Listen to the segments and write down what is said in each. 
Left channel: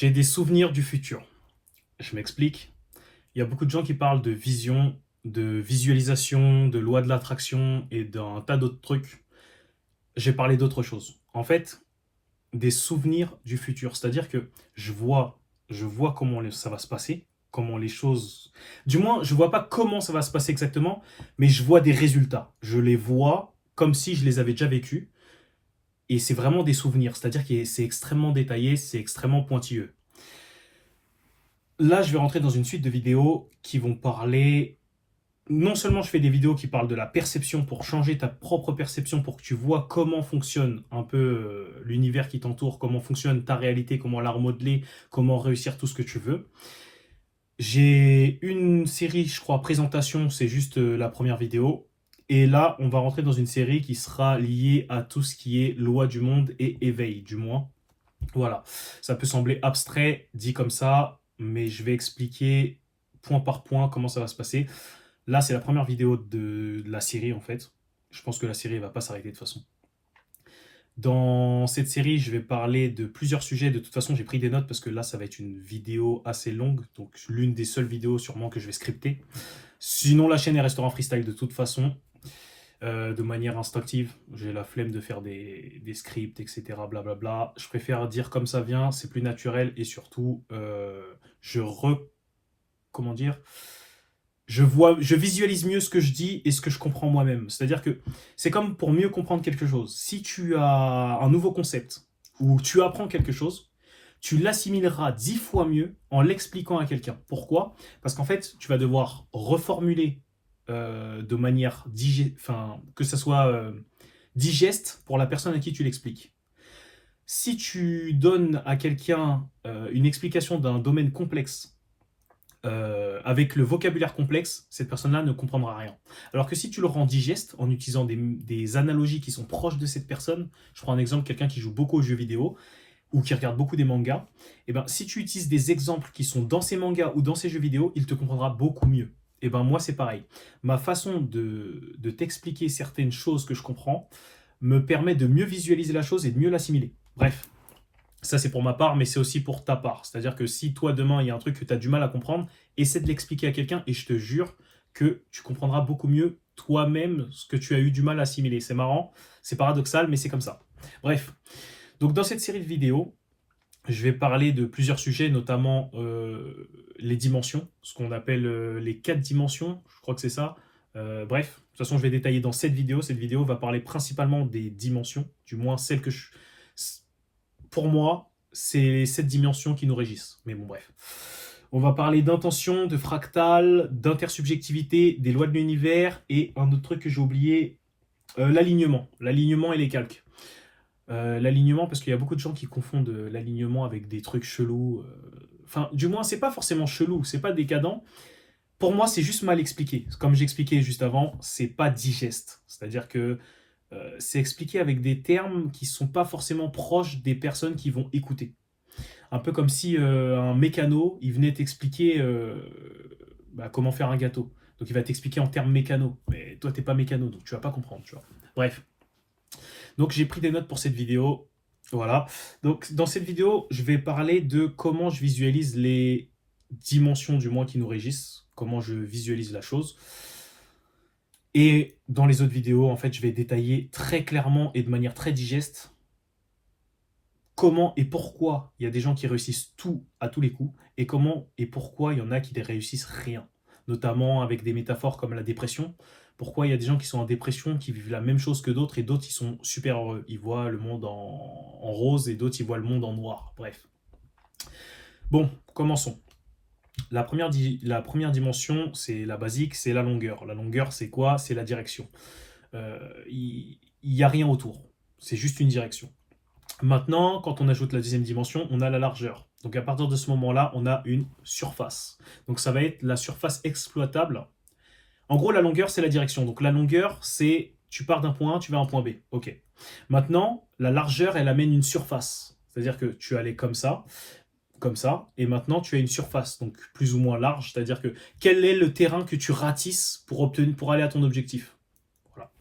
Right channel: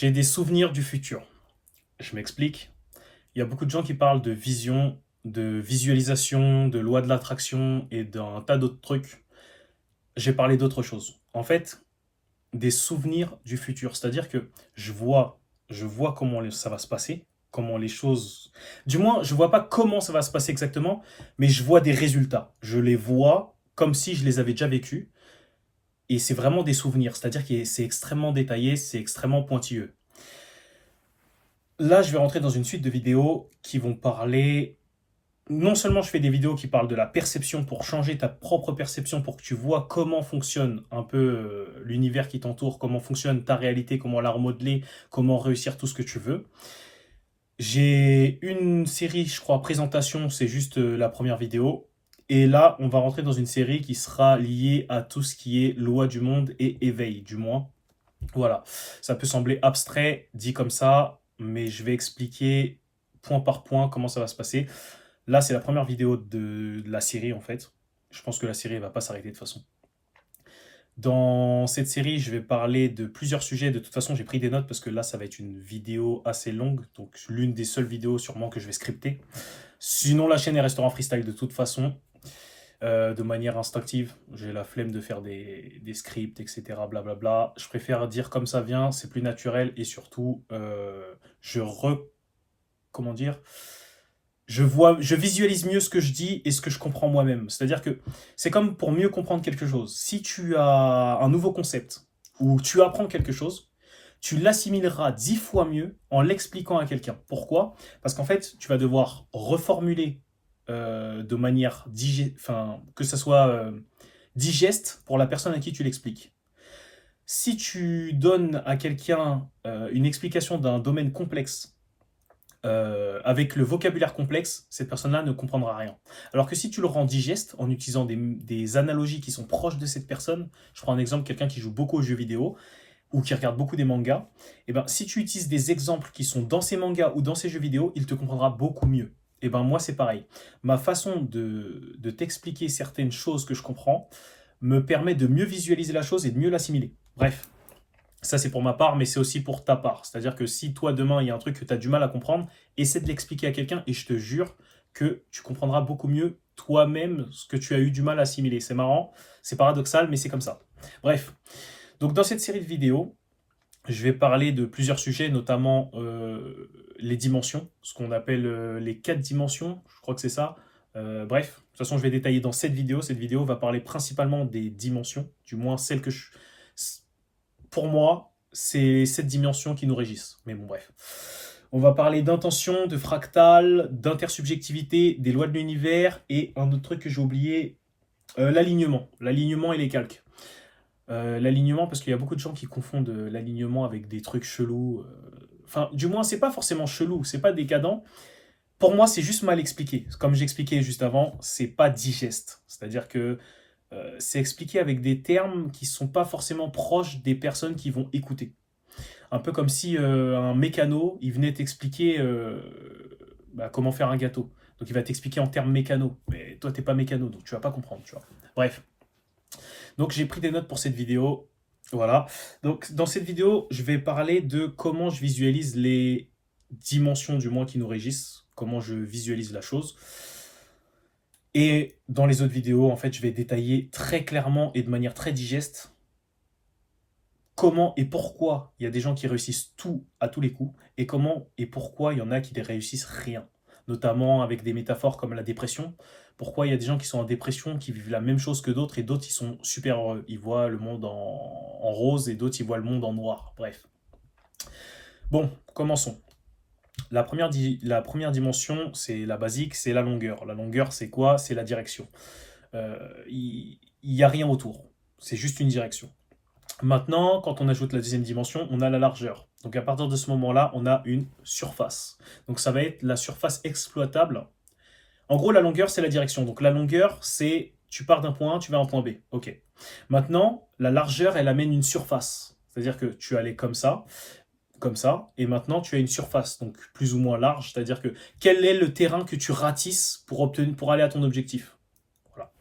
J'ai des souvenirs du futur. Je m'explique. Il y a beaucoup de gens qui parlent de vision, de visualisation, de loi de l'attraction et d'un tas d'autres trucs. J'ai parlé d'autre chose. En fait, des souvenirs du futur. C'est-à-dire que je vois comment ça va se passer, comment les choses. Du moins, je vois pas comment ça va se passer exactement, mais je vois des résultats. Je les vois comme si je les avais déjà vécus. Et c'est vraiment des souvenirs. C'est-à-dire que c'est extrêmement détaillé, c'est extrêmement pointilleux. Là, je vais rentrer dans une suite de vidéos qui vont parler. Non seulement je fais des vidéos qui parlent de la perception pour changer ta propre perception, pour que tu vois comment fonctionne un peu l'univers qui t'entoure, comment fonctionne ta réalité, comment la remodeler, comment réussir tout ce que tu veux. J'ai une série, je crois, présentation, c'est juste la première vidéo. Et là, on va rentrer dans une série qui sera liée à tout ce qui est loi du monde et éveil, du moins. Voilà, ça peut sembler abstrait dit comme ça, mais je vais expliquer point par point comment ça va se passer. Là, c'est la première vidéo de la série en fait. Je pense que la série ne va pas s'arrêter de toute façon. Dans cette série, je vais parler de plusieurs sujets. De toute façon, j'ai pris des notes parce que là, ça va être une vidéo assez longue. Donc, l'une des seules vidéos sûrement que je vais scripter. Sinon, la chaîne est restera freestyle de toute façon, de manière instinctive. J'ai la flemme de faire des scripts, etc. Blablabla. Je préfère dire comme ça vient, c'est plus naturel et surtout, comment dire, je visualise mieux ce que je dis et ce que je comprends moi-même. C'est-à-dire que c'est comme pour mieux comprendre quelque chose. Si tu as un nouveau concept ou tu apprends quelque chose, tu l'assimileras 10 fois mieux en l'expliquant à quelqu'un. Pourquoi? Parce qu'en fait, tu vas devoir reformuler de manière enfin, que ça soit digeste pour la personne à qui tu l'expliques. Si tu donnes à quelqu'un une explication d'un domaine complexe avec le vocabulaire complexe, cette personne-là ne comprendra rien. Alors que si tu le rends digeste en utilisant des analogies qui sont proches de cette personne, je prends un exemple, quelqu'un qui joue beaucoup aux jeux vidéo ou qui regarde beaucoup des mangas, et ben si tu utilises des exemples qui sont dans ces mangas ou dans ces jeux vidéo, il te comprendra beaucoup mieux. Et ben moi c'est pareil. Ma façon de t'expliquer certaines choses que je comprends me permet de mieux visualiser la chose et de mieux l'assimiler. Bref, ça, c'est pour ma part, mais c'est aussi pour ta part. C'est-à-dire que si toi, demain, il y a un truc que tu as du mal à comprendre, essaie de l'expliquer à quelqu'un et je te jure que tu comprendras beaucoup mieux toi-même ce que tu as eu du mal à assimiler. C'est marrant, c'est paradoxal, mais c'est comme ça. Bref, donc dans cette série de vidéos, je vais parler de plusieurs sujets, notamment les dimensions, ce qu'on appelle les 4 dimensions, je crois que c'est ça. Bref, de toute façon, je vais détailler dans cette vidéo. Cette vidéo va parler principalement des dimensions, du moins celles que je pour moi, c'est cette dimension qui nous régisse. Mais bon, bref. On va parler d'intention, de fractal, d'intersubjectivité, des lois de l'univers et un autre truc que j'ai oublié, l'alignement. L'alignement et les calques. L'alignement, parce qu'il y a beaucoup de gens qui confondent l'alignement avec des trucs chelous. Enfin, du moins, c'est pas forcément chelou, c'est pas décadent. Pour moi, c'est juste mal expliqué. Comme j'expliquais juste avant, c'est pas digeste. C'est-à-dire que c'est expliqué avec des termes qui sont pas forcément proches des personnes qui vont écouter. Un peu comme si un mécano, il venait t'expliquer comment faire un gâteau. Donc il va t'expliquer en termes mécano. Mais toi, t'es pas mécano, donc tu vas pas comprendre, tu vois. Bref. Donc j'ai pris des notes pour cette vidéo. Voilà. Donc dans cette vidéo, je vais parler de comment je visualise les dimensions du moi qui nous régissent, comment je visualise la chose. Et dans les autres vidéos, en fait, je vais détailler très clairement et de manière très digeste comment et pourquoi il y a des gens qui réussissent tout à tous les coups et comment et pourquoi il y en a qui ne réussissent rien. Notamment avec des métaphores comme la dépression. Pourquoi il y a des gens qui sont en dépression, qui vivent la même chose que d'autres et d'autres ils sont super heureux. Ils voient le monde en rose et d'autres ils voient le monde en noir. Bref. Bon, commençons. La première dimension, c'est la basique, c'est la longueur. La longueur, c'est quoi? C'est la direction. Il n'y a rien autour. C'est juste une direction. Maintenant, quand on ajoute la deuxième dimension, on a la largeur. Donc à partir de ce moment-là, on a une surface. Donc ça va être la surface exploitable. En gros, la longueur, c'est la direction. Donc la longueur, c'est tu pars d'un point A, tu vas à un point B. Ok. Maintenant, la largeur, elle amène une surface. C'est-à-dire que tu allais comme ça, et maintenant tu as une surface, donc plus ou moins large. C'est-à-dire que quel est le terrain que tu ratisses pour aller à ton objectif. Voilà.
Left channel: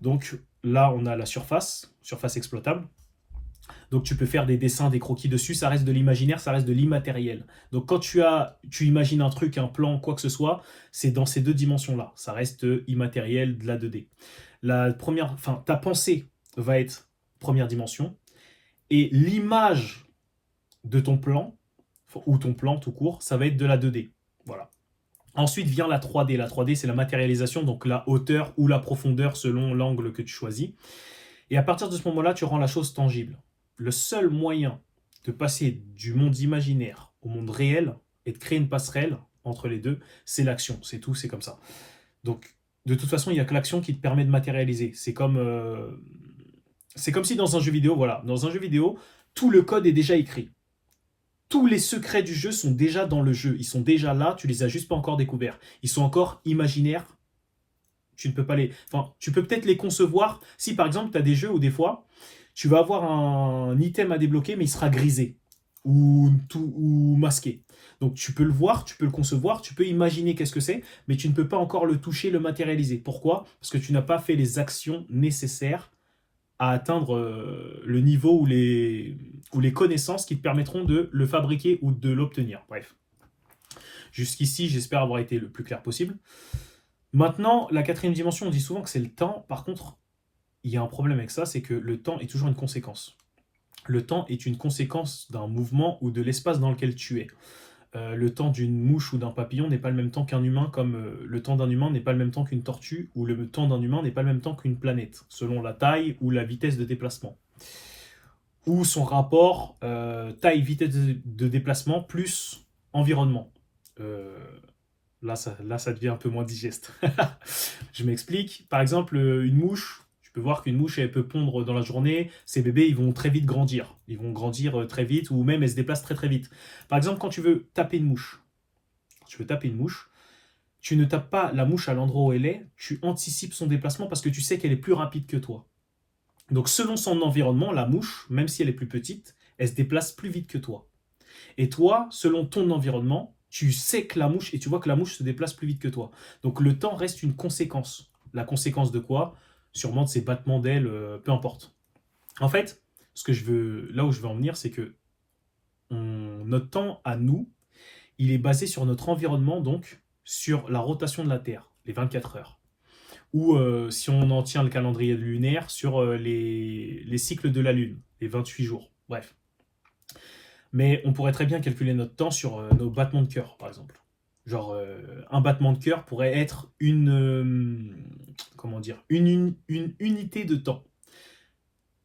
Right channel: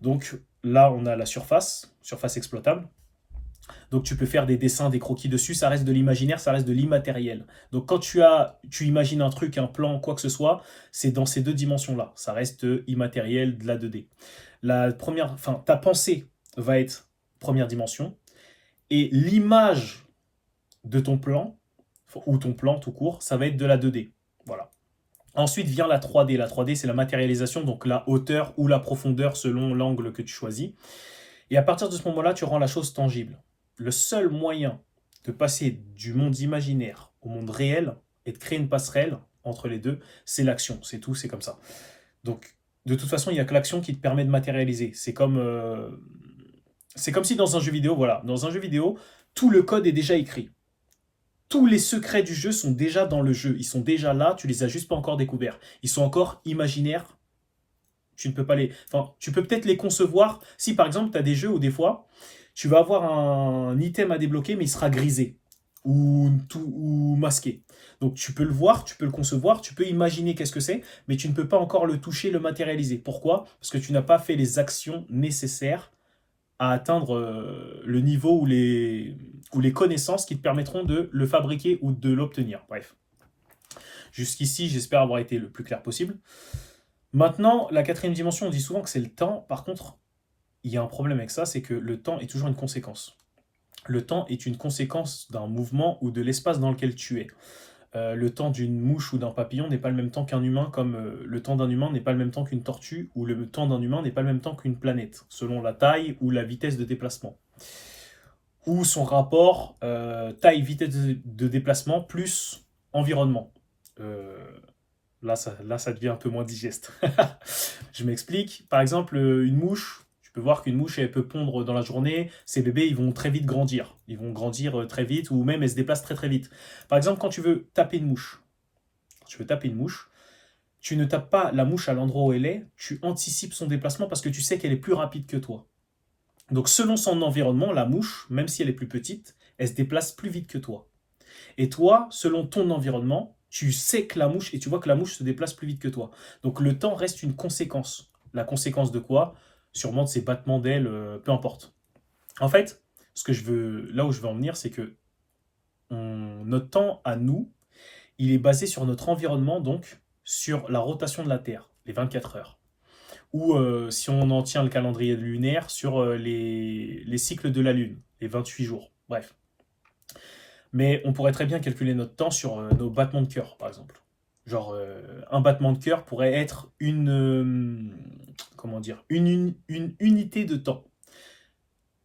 Donc là, on a la surface exploitable. Donc tu peux faire des dessins, des croquis dessus, ça reste de l'imaginaire, ça reste de l'immatériel. Donc quand tu imagines un truc, un plan, quoi que ce soit, c'est dans ces deux dimensions-là. Ça reste immatériel, de la 2D. Ta pensée va être première dimension, et l'image de ton plan, ou ton plan tout court, ça va être de la 2D. Voilà. Ensuite vient la 3D. La 3D, c'est la matérialisation, donc la hauteur ou la profondeur selon l'angle que tu choisis. Et à partir de ce moment-là, tu rends la chose tangible. Le seul moyen de passer du monde imaginaire au monde réel et de créer une passerelle entre les deux, c'est l'action. C'est tout, c'est comme ça. Donc, de toute façon, il n'y a que l'action qui te permet de matérialiser. C'est comme si dans un jeu vidéo, voilà, dans un jeu vidéo, tout le code est déjà écrit. Tous les secrets du jeu sont déjà dans le jeu. Ils sont déjà là, tu les as juste pas encore découverts. Ils sont encore imaginaires. Tu ne peux pas les. Enfin, tu peux peut-être les concevoir si par exemple tu as des jeux où des fois tu vas avoir un item à débloquer mais il sera grisé ou masqué. Donc tu peux le voir, tu peux le concevoir, tu peux imaginer qu'est-ce que c'est, mais tu ne peux pas encore le toucher, le matérialiser. Pourquoi? Parce que tu n'as pas fait les actions nécessaires à atteindre le niveau ou les connaissances qui te permettront de le fabriquer ou de l'obtenir. Bref. Jusqu'ici, j'espère avoir été le plus clair possible. Maintenant, la quatrième dimension, on dit souvent que c'est le temps. Par contre, il y a un problème avec ça, c'est que le temps est toujours une conséquence. Le temps est une conséquence d'un mouvement ou de l'espace dans lequel tu es. Le temps d'une mouche ou d'un papillon n'est pas le même temps qu'un humain, comme le temps d'un humain n'est pas le même temps qu'une tortue, ou le temps d'un humain n'est pas le même temps qu'une planète, selon la taille ou la vitesse de déplacement. Ou son rapport taille-vitesse de déplacement plus environnement. Là, ça devient un peu moins digeste. Je m'explique. Par exemple, une mouche, tu peux voir qu'une mouche, elle peut pondre dans la journée. Ses bébés, ils vont très vite grandir. Ils vont grandir très vite, ou même, elles se déplacent très très vite. Par exemple, quand tu veux taper une mouche, tu ne tapes pas la mouche à l'endroit où elle est, tu anticipes son déplacement parce que tu sais qu'elle est plus rapide que toi. Donc, selon son environnement, la mouche, même si elle est plus petite, elle se déplace plus vite que toi. Et toi, selon ton environnement, tu sais que la mouche, et tu vois que la mouche se déplace plus vite que toi. Donc le temps reste une conséquence. La conséquence de quoi? Sûrement de ses battements d'ailes, peu importe. En fait, là où je veux en venir, c'est que notre temps à nous, il est basé sur notre environnement, donc sur la rotation de la Terre, les 24 heures. Ou si on en tient le calendrier lunaire, sur les cycles de la Lune, les 28 jours. Bref. Mais on pourrait très bien calculer notre temps sur nos battements de cœur, par exemple. Genre, un battement de cœur pourrait être comment dire, une unité de temps.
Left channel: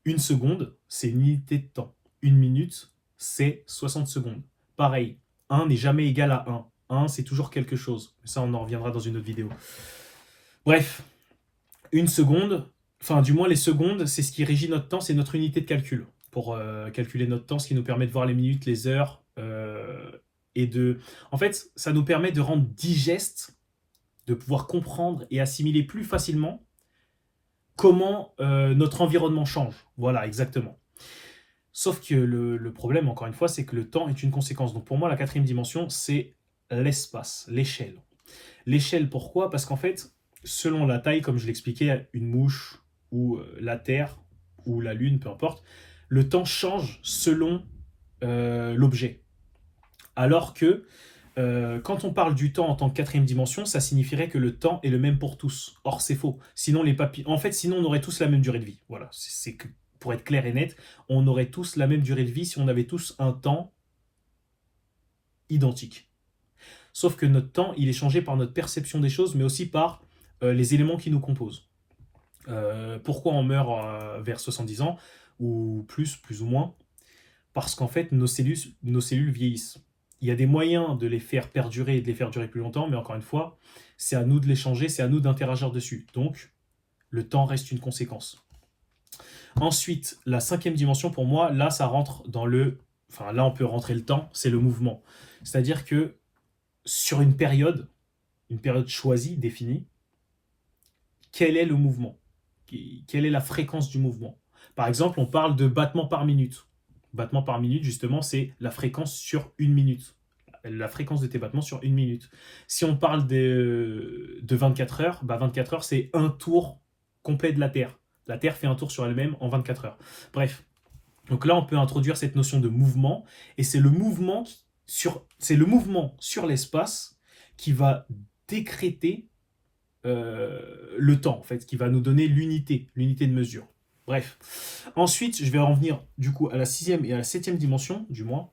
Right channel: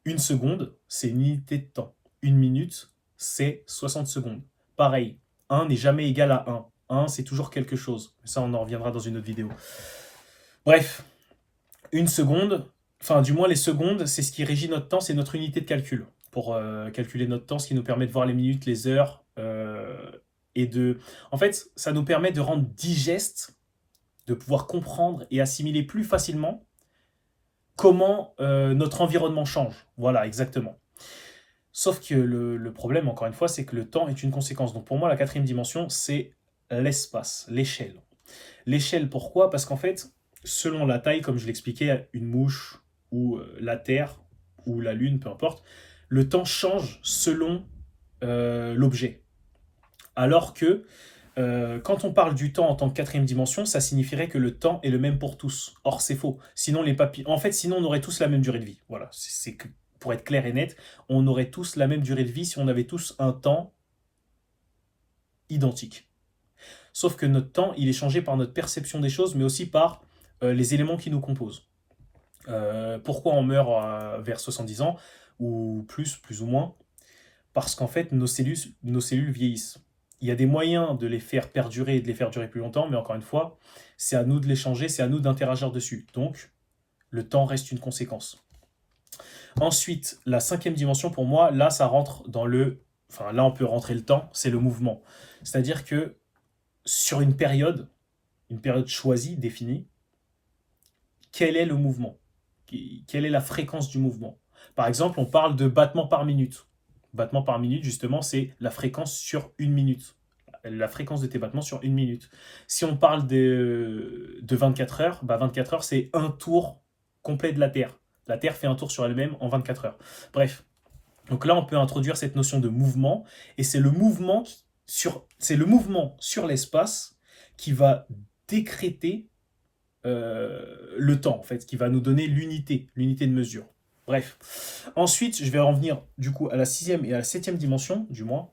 Une seconde, c'est une unité de temps. Une minute, c'est 60 secondes. Pareil, 1 n'est jamais égal à 1. 1, c'est toujours quelque chose. Ça, on en reviendra dans une autre vidéo. Bref, une seconde, enfin, du moins les secondes, c'est ce qui régit notre temps, c'est notre unité de calcul. Pour calculer notre temps, ce qui nous permet de voir les minutes, les heures, En fait, ça nous permet de rendre digeste, de pouvoir comprendre et assimiler plus facilement comment notre environnement change. Voilà, exactement. Sauf que le problème, encore une fois, c'est que le temps est une conséquence. Donc pour moi, la quatrième dimension, c'est l'espace, l'échelle. L'échelle, pourquoi? Parce qu'en fait, selon la taille, comme je l'expliquais, une mouche ou la Terre ou la Lune, peu importe, le temps change selon l'objet. Alors que quand on parle du temps en tant que quatrième dimension, ça signifierait que le temps est le même pour tous. Or, c'est faux. Sinon, sinon, on aurait tous la même durée de vie. Voilà, pour être clair et net, on aurait tous la même durée de vie si on avait tous un temps identique. Sauf que notre temps, il est changé par notre perception des choses, mais aussi par les éléments qui nous composent. Pourquoi on meurt vers 70 ans, ou plus ou moins? Parce qu'en fait, nos cellules vieillissent. Il y a des moyens de les faire perdurer et de les faire durer plus longtemps, mais encore une fois, c'est à nous de les changer, c'est à nous d'interagir dessus. Donc, le temps reste une conséquence. Ensuite, la cinquième dimension, pour moi, là, ça rentre dans Enfin, là, on peut rentrer le temps, c'est le mouvement. C'est-à-dire que sur une période choisie, définie, quel est le mouvement? Quelle est la fréquence du mouvement? Par exemple, on parle de battements par minute. Battements par minute, justement, c'est la fréquence sur une minute. La fréquence de tes battements sur une minute. Si on parle de 24 heures, 24 heures, c'est un tour complet de la Terre. La Terre fait un tour sur elle-même en 24 heures. Bref, Donc là, on peut introduire cette notion de mouvement, et c'est le mouvement c'est le mouvement sur l'espace qui va décréter le temps, en fait, qui va nous donner l'unité de mesure. Bref. Ensuite, je vais en venir du coup à la sixième et à la septième dimension, du moins.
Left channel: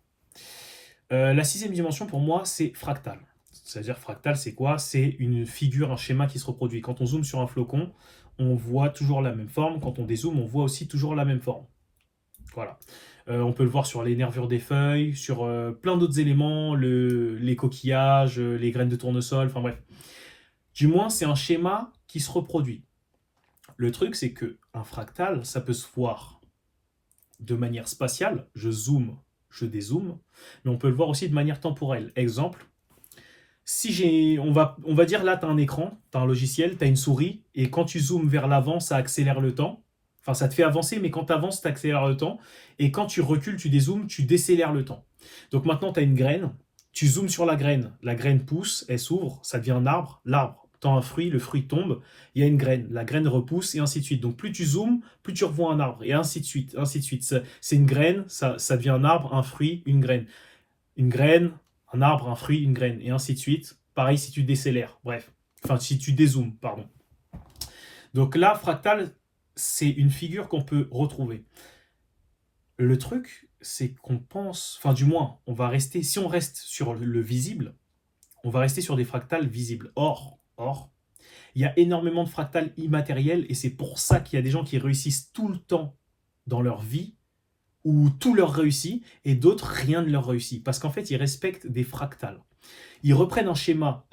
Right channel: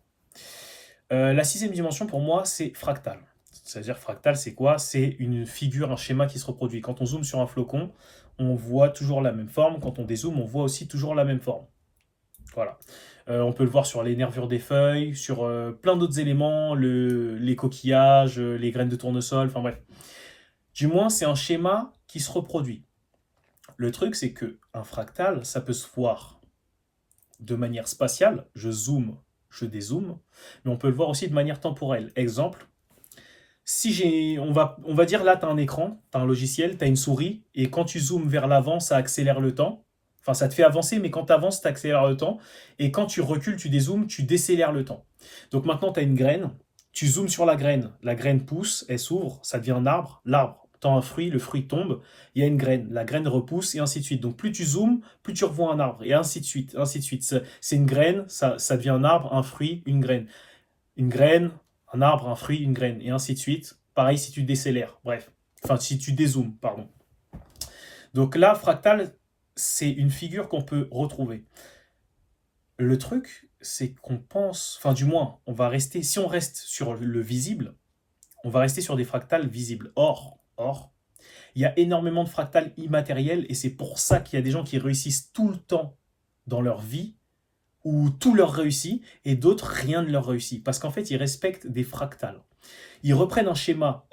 La sixième dimension, pour moi, c'est fractal. C'est-à-dire fractal, c'est quoi? C'est une figure, un schéma qui se reproduit. Quand on zoome sur un flocon, on voit toujours la même forme. Quand on dézoome, on voit aussi toujours la même forme. Voilà. On peut le voir sur les nervures des feuilles, sur plein d'autres éléments, les coquillages, les graines de tournesol, enfin bref. Du moins, c'est un schéma qui se reproduit. Le truc, c'est que un fractal, ça peut se voir de manière spatiale. Je zoome, je dézoome, mais on peut le voir aussi de manière temporelle. Exemple, si on va dire là, tu as un écran, tu as un logiciel, tu as une souris, et quand tu zoomes vers l'avant, ça accélère le temps. Enfin, ça te fait avancer, mais quand tu avances, tu accélères le temps. Et quand tu recules, tu dézoomes, tu décélères le temps. Donc maintenant, tu as une graine, tu zoomes sur la graine pousse, elle s'ouvre, ça devient un arbre, l'arbre tend un fruit, le fruit tombe, il y a une graine, la graine repousse, et ainsi de suite. Donc plus tu zoomes, plus tu revois un arbre, et ainsi de suite, ainsi de suite. C'est une graine, ça devient un arbre, un fruit, une graine. Une graine, un arbre, un fruit, une graine, et ainsi de suite. Pareil si tu décélères, bref. Enfin, si tu dézoomes, pardon. Donc là, fractal, c'est une figure qu'on peut retrouver. Le truc, c'est qu'on pense, enfin du moins, on va rester, si on reste sur le visible, on va rester sur des fractales visibles. Or, il y a énormément de fractales immatériels, et c'est pour ça qu'il y a des gens qui réussissent tout le temps dans leur vie, où tout leur réussit, et d'autres, rien ne leur réussit. Parce qu'en fait, ils respectent des fractales. Ils reprennent un schéma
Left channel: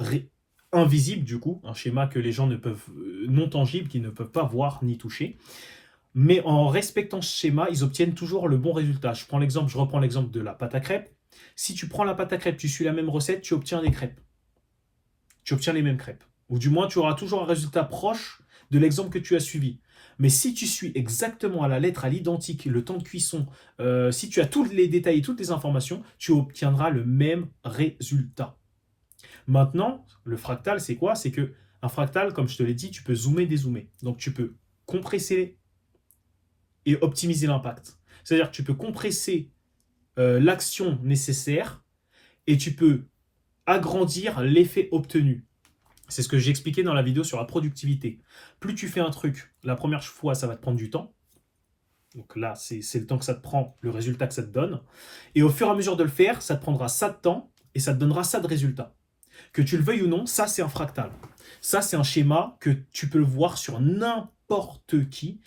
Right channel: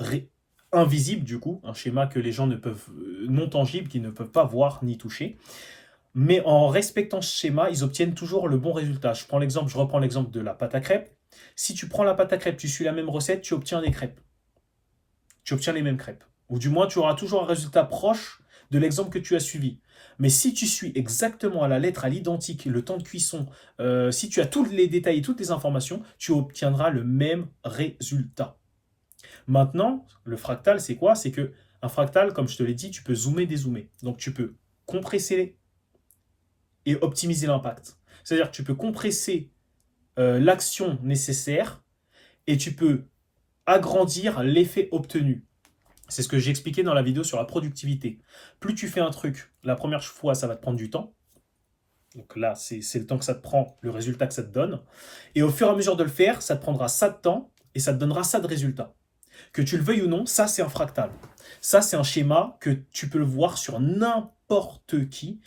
invisible, du coup, un schéma que les gens ne peuvent, non tangible, qu'ils ne peuvent pas voir ni toucher. Mais en respectant ce schéma, ils obtiennent toujours le bon résultat. Je reprends l'exemple de la pâte à crêpes. Si tu prends la pâte à crêpes, tu suis la même recette, tu obtiens des crêpes. Tu obtiens les mêmes crêpes. Ou du moins, tu auras toujours un résultat proche de l'exemple que tu as suivi. Mais si tu suis exactement à la lettre, à l'identique, le temps de cuisson, si tu as tous les détails et toutes les informations, tu obtiendras le même résultat. Maintenant, le fractal, c'est quoi? C'est que un fractal, comme je te l'ai dit, tu peux zoomer, dézoomer. Donc tu peux compresser et optimiser l'impact. C'est-à-dire que tu peux compresser l'action nécessaire et tu peux agrandir l'effet obtenu. C'est ce que j'ai expliqué dans la vidéo sur la productivité. Plus tu fais un truc, la première fois, ça va te prendre du temps. Donc là, c'est le temps que ça te prend, le résultat que ça te donne. Et au fur et à mesure de le faire, ça te prendra ça de temps et ça te donnera ça de résultat. Que tu le veuilles ou non, ça c'est un fractal. Ça c'est un schéma que tu peux le voir sur n'importe qui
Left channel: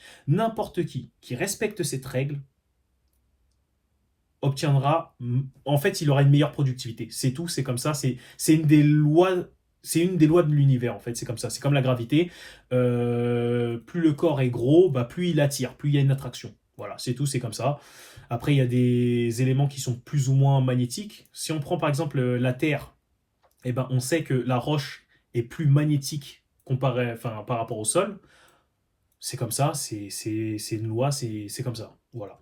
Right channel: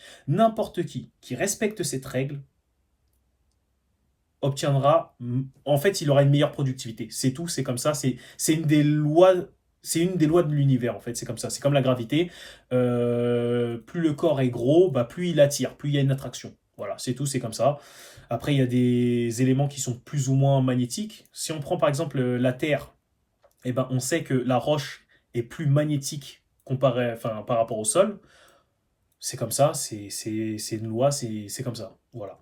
respecte cette règle obtiendra, en fait, il aura une meilleure productivité. C'est tout, c'est comme ça, c'est une des lois. C'est une des lois de l'univers, en fait, c'est comme ça. C'est comme la gravité. Plus le corps est gros, bah, plus il attire, plus il y a une attraction. Voilà, c'est tout, c'est comme ça. Après, il y a des éléments qui sont plus ou moins magnétiques. Si on prend par exemple la Terre, eh ben, on sait que la roche est plus magnétique par rapport au sol. C'est comme ça, c'est une loi, c'est comme ça. Voilà.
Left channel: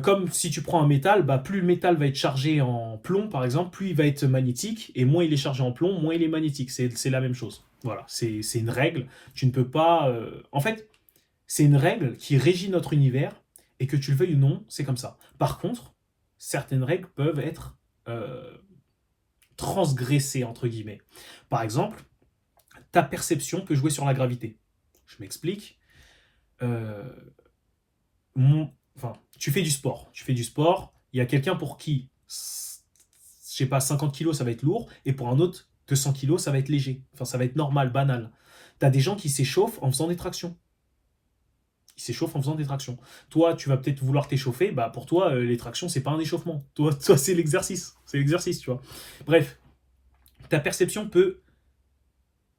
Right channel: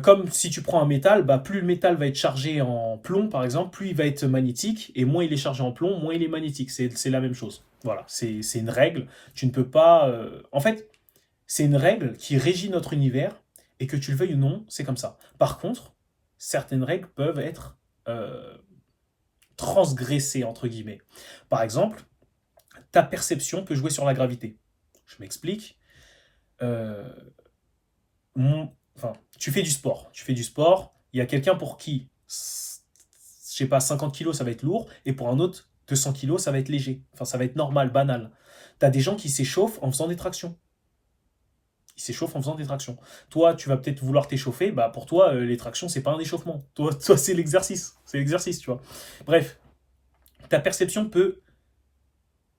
Comme si tu prends un métal, bah, plus le métal va être chargé en plomb, par exemple, plus il va être magnétique, et moins il est chargé en plomb, moins il est magnétique. C'est la même chose. Voilà, c'est une règle. Tu ne peux pas... En fait, c'est une règle qui régit notre univers, et que tu le veuilles ou non, c'est comme ça. Par contre, certaines règles peuvent être transgressées, entre guillemets. Par exemple, ta perception peut jouer sur la gravité. Je m'explique. Euh, enfin, tu fais du sport. Il y a quelqu'un pour qui, je sais pas, 50 kilos, ça va être lourd, et pour un autre, 200 kilos, ça va être léger. Enfin, ça va être normal, banal. Tu as des gens qui s'échauffent en faisant des tractions. Ils s'échauffent en faisant des tractions. Toi, tu vas peut-être vouloir t'échauffer. Bah, pour toi, les tractions, c'est pas un échauffement. Toi c'est l'exercice. C'est l'exercice, tu vois. Bref, ta perception peut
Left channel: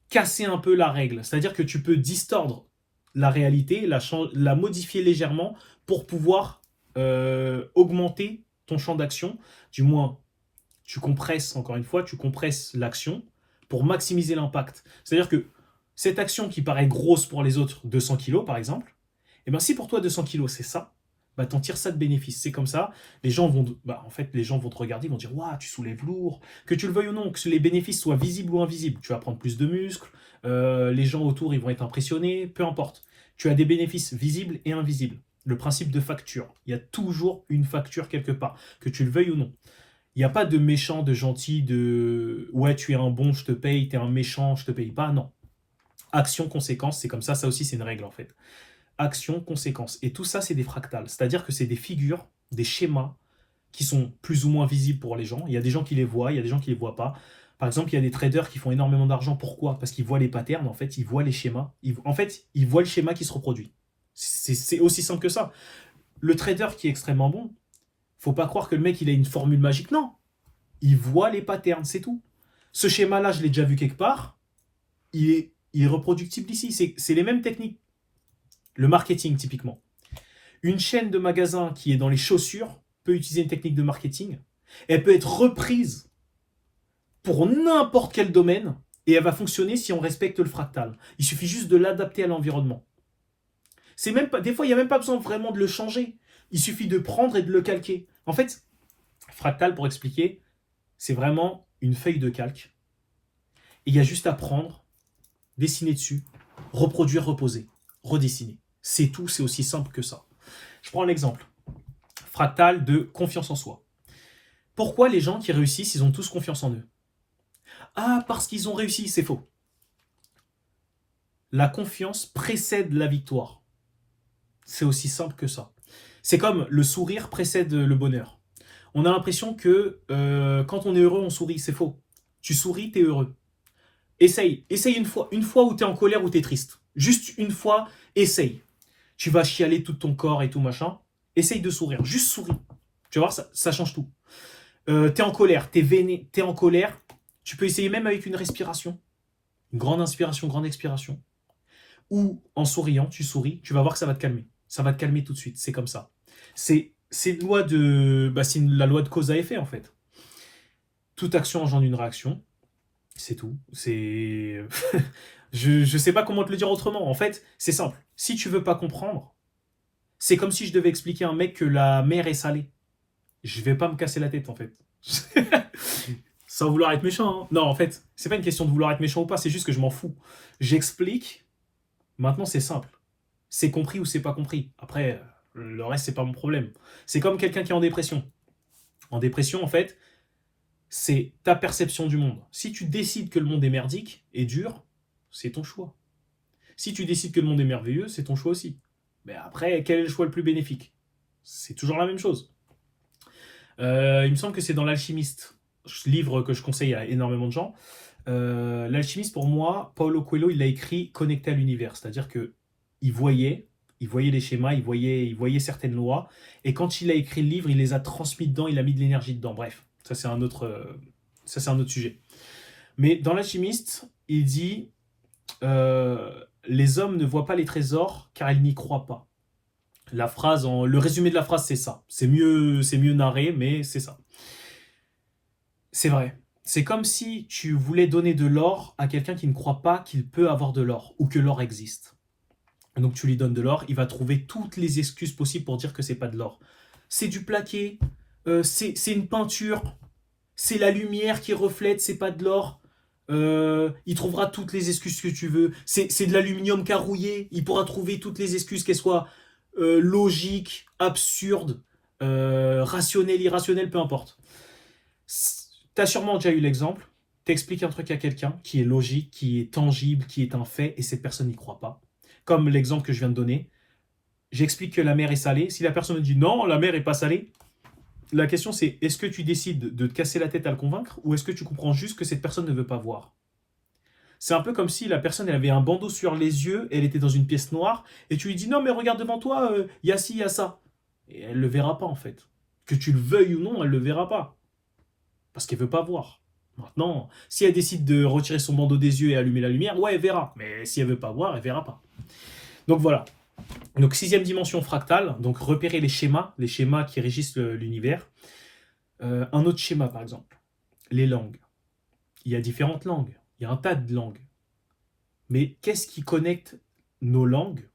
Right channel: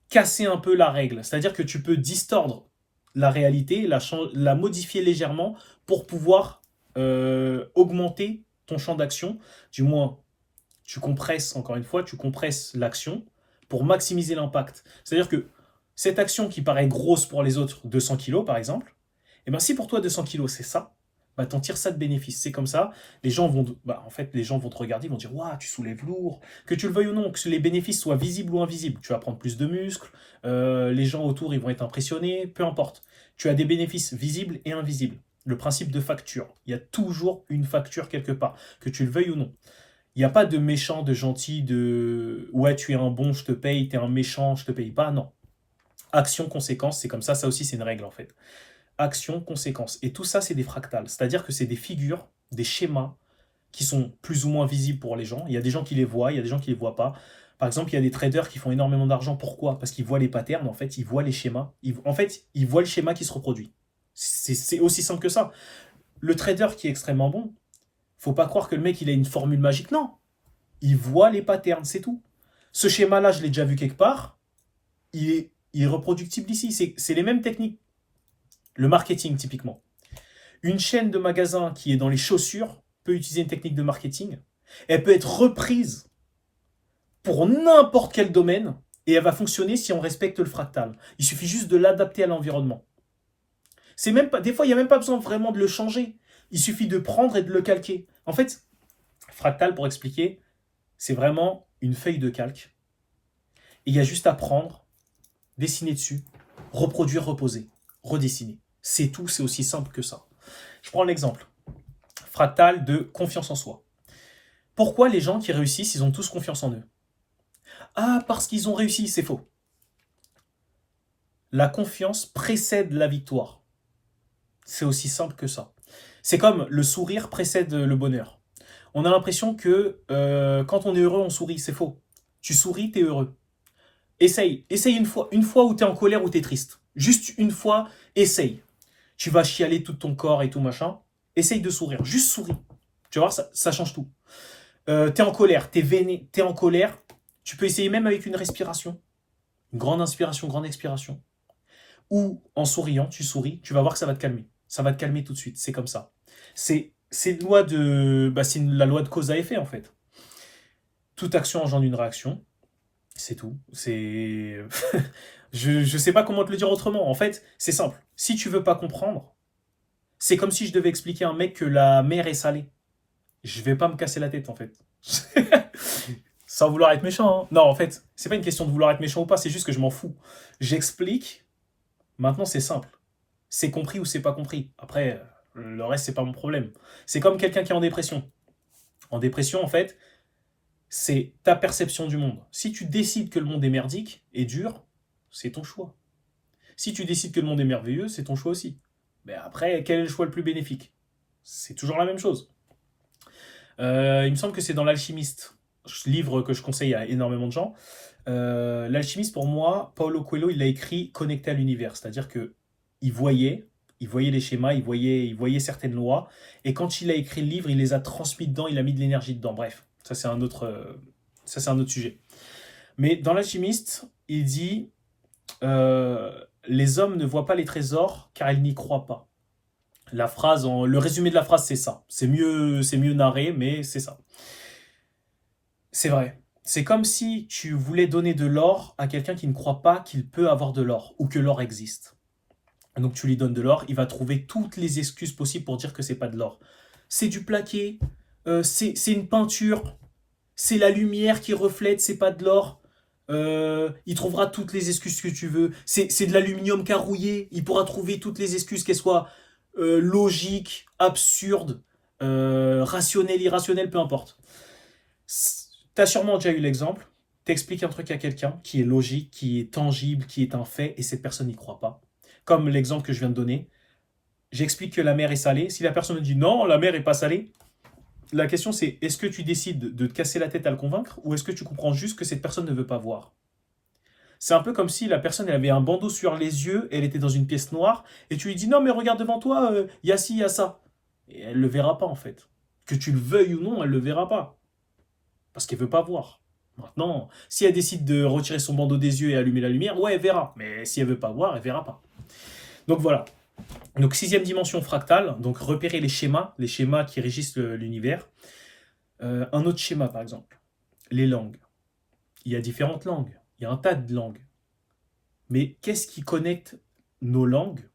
casser un peu la règle. C'est-à-dire que tu peux distordre la réalité, la modifier légèrement pour pouvoir augmenter ton champ d'action. Du moins, tu compresses, encore une fois, tu compresses l'action pour maximiser l'impact. C'est-à-dire que cette action qui paraît grosse pour les autres, 200 kilos par exemple, et ben si pour toi 200 kilos c'est ça, bah t'en tires ça de bénéfice. C'est comme ça, en fait, les gens vont te regarder, ils vont dire waouh, tu soulèves lourd, que tu le veuilles ou non, que les bénéfices soient visibles ou invisibles. Tu vas prendre plus de muscles, les gens autour ils vont être impressionnés, peu importe. Tu as des bénéfices visibles et invisibles. Le principe de facture. Il y a toujours une facture quelque part, que tu le veuilles ou non. Il n'y a pas de méchant, de gentil, de ouais, tu es un bon, je te paye, tu es un méchant, je te paye pas. Non. Action, conséquence, c'est comme ça aussi c'est une règle en fait. Action, conséquence. Et tout ça, c'est des fractales. C'est-à-dire que c'est des figures, des schémas qui sont plus ou moins visibles pour les gens. Il y a des gens qui les voient, il y a des gens qui les voient pas. Par exemple, il y a des traders qui font énormément d'argent. Pourquoi? Parce qu'ils voient les patterns, en fait, ils voient les schémas. En fait, ils voient le schéma qui se reproduit. C'est aussi simple que ça. Le trader qui est extrêmement bon, faut pas croire que le mec, il a une formule magique. Non. Il voit les patterns, c'est tout. Ce schéma-là, je l'ai déjà vu quelque part. Il est reproductible ici. C'est les mêmes techniques. Le marketing, typiquement. Une chaîne de magasins qui est dans les chaussures peut utiliser une technique de marketing. Elle peut être reprise pour n'importe quel domaine et elle va fonctionner si on respecte le fractal. Il suffit juste de l'adapter à l'environnement. C'est même pas, des fois, il n'y a même pas besoin vraiment de le changer. Il suffit de prendre et de le calquer. En fait, fractal, pour expliquer, c'est vraiment une feuille de calque. Et il y a juste à prendre, dessiner dessus, reproduire, reposer, redessiner. C'est tout, c'est aussi simple que ça. Je prends l'exemple. Fractal de confiance en soi. Pourquoi les gens qui réussissent, ils ont tous confiance en eux? Ah, parce qu'ils ont réussi, c'est faux. La confiance précède la victoire. C'est aussi simple que ça. C'est comme le sourire précède le bonheur. On a l'impression que quand on est heureux, on sourit. C'est faux. Tu souris, t'es heureux. Essaye une fois où t'es en colère ou t'es triste. Juste une fois, essaye. Tu vas chialer tout ton corps et tout machin. Essaye de sourire. Juste souris. Tu vas voir, ça change tout. T'es en colère, t'es veiné, t'es en colère. Tu peux essayer même avec une respiration. Une grande inspiration, grande expiration. Ou en souriant, tu souris, tu vas voir que ça va te calmer. Ça va te calmer tout de suite. C'est comme ça. C'est une loi de, c'est la loi de cause à effet en fait. Toute action engendre une réaction. C'est tout. C'est je sais pas comment te le dire autrement. En fait, c'est simple. Si tu veux pas comprendre, c'est comme si je devais expliquer à un mec que la mer est salée. Je vais pas me casser la tête en fait. Sans vouloir être méchant. Hein. Non, en fait, c'est pas une question de vouloir être méchant ou pas, c'est juste que je m'en fous. J'explique. Maintenant, c'est simple. C'est compris ou c'est pas compris. Après, le reste, c'est pas mon problème. C'est comme quelqu'un qui est en dépression. En dépression, en fait, c'est ta perception du monde. Si tu décides que le monde est merdique et dur, c'est ton choix. Si tu décides que le monde est merveilleux, c'est ton choix aussi. Mais après, quel est le choix le plus bénéfique? C'est toujours la même chose. Il me semble que c'est dans l'Alchimiste, livre que je conseille à énormément de gens. L'Alchimiste, pour moi, Paulo Coelho, il l'a écrit connecté à l'univers. C'est-à-dire que il voyait les schémas, il voyait certaines lois. Et quand il a écrit le livre, il les a transmis dedans, il a mis de l'énergie dedans. Bref, ça c'est un autre sujet. Mais dans l'Alchimiste, il dit les hommes ne voient pas les trésors car ils n'y croient pas. Le résumé de la phrase, c'est ça. C'est mieux narré, mais c'est ça. C'est vrai. C'est comme si tu voulais donner de l'or à quelqu'un qui ne croit pas qu'il peut avoir de l'or ou que l'or existe. Donc tu lui donnes de l'or, il va trouver toutes les excuses possibles pour dire que c'est pas de l'or. C'est du plaqué, c'est une peinture, c'est la lumière qui reflète, c'est pas de l'or. Il trouvera toutes les excuses que tu veux. C'est de l'aluminium carouillé, il pourra trouver toutes les excuses, qu'elles soient logiques, absurdes, rationnelles, irrationnelles, peu importe. T'as sûrement déjà eu l'exemple, t'expliques un truc à quelqu'un qui est logique, qui est tangible, qui est un fait, et cette personne n'y croit pas. Comme l'exemple que je viens de donner, j'explique que la mer est salée. Si la personne me dit non, la mer est pas salée, la question c'est est-ce que tu décides de te casser la tête à le convaincre ou est-ce que tu comprends juste que cette personne ne veut pas voir? C'est un peu comme si la personne elle avait un bandeau sur les yeux, elle était dans une pièce noire et tu lui dis non mais regarde devant toi, il y a ci, il y a ça. Et elle le verra pas en fait. Que tu le veuilles ou non, elle le verra pas. Parce qu'elle veut pas voir. Maintenant, si elle décide de retirer son bandeau des yeux et allumer la lumière, ouais, elle verra. Mais si elle veut pas voir, elle verra pas. Donc voilà. Donc sixième dimension fractale, donc repérer les schémas qui régissent l'univers. Un autre schéma par exemple, les langues. Il y a différentes langues, il y a un tas de langues. Mais qu'est-ce qui connecte nos langues?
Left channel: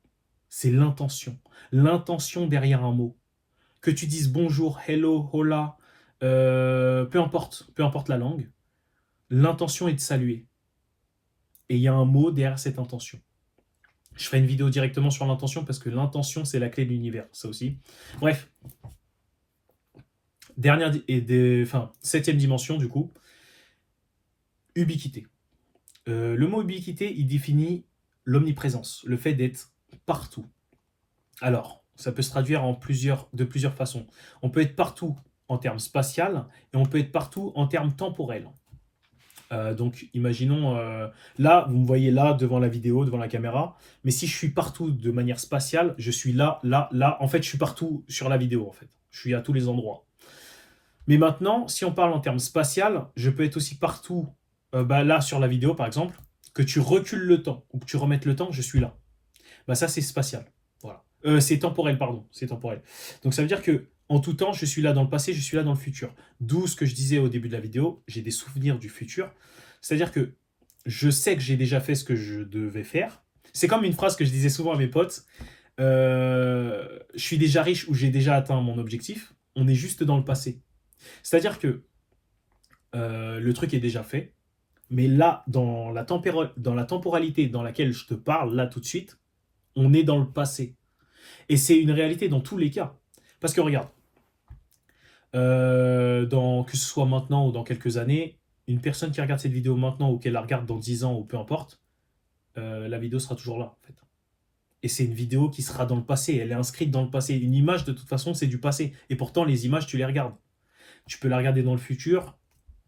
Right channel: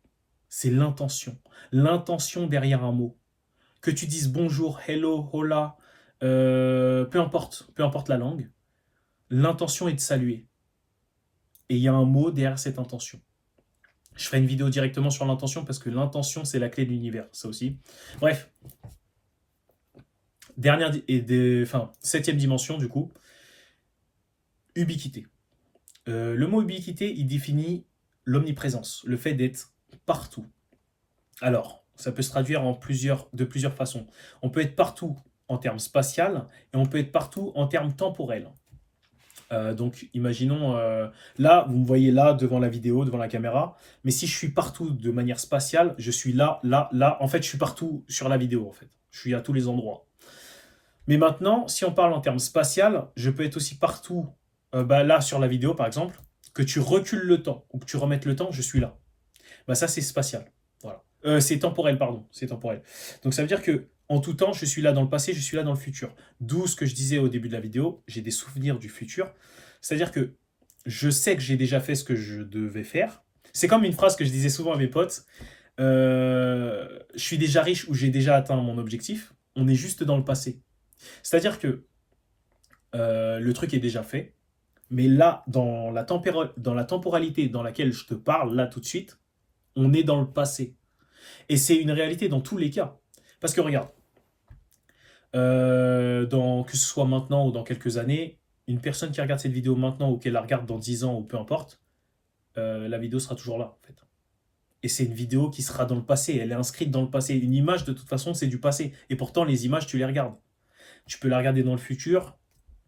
C'est l'intention. L'intention derrière un mot. Que tu dises bonjour, hello, hola, peu importe la langue, l'intention est de saluer. Et il y a un mot derrière cette intention. Je ferai une vidéo directement sur l'intention parce que l'intention, c'est la clé de l'univers, ça aussi. Bref, septième dimension, du coup, ubiquité. Le mot ubiquité, il définit l'omniprésence, le fait d'être partout. Alors, ça peut se traduire de plusieurs façons. On peut être partout en termes spatial et on peut être partout en termes temporels. Donc, imaginons, là, vous me voyez là, devant la vidéo, devant la caméra, mais si je suis partout de manière spatiale, je suis là, là, là. En fait, je suis partout sur la vidéo, en fait. Je suis à tous les endroits. Mais maintenant, si on parle en termes spatial, je peux être aussi partout, là, sur la vidéo, par exemple, que tu recules le temps ou que tu remettes le temps, je suis là. Bah, ça, c'est spatial. Voilà. C'est temporel, pardon. C'est temporel. Donc, ça veut dire que en tout temps, je suis là dans le passé, je suis là dans le futur. D'où ce que je disais au début de la vidéo, j'ai des souvenirs du futur. C'est-à-dire que je sais que j'ai déjà fait ce que je devais faire. C'est comme une phrase que je disais souvent à mes potes. Je suis déjà riche ou j'ai déjà atteint mon objectif. On est juste dans le passé. C'est-à-dire que le truc est déjà fait. Mais là, dans la temporalité dans laquelle je te parle, là tout de suite, on est dans le passé. Et c'est une réalité dans tous les cas. Parce que regarde, que ce soit maintenant ou dans quelques années, une personne qui regarde cette vidéo maintenant ou qu'elle la regarde dans 10 ans ou peu importe, la vidéo sera toujours là en fait. Et c'est une vidéo qui sera dans le passé, elle est inscrite dans le passé. Une image de toute façon c'est du passé. Et pourtant les images tu les regardes. Tu peux la regarder dans le futur.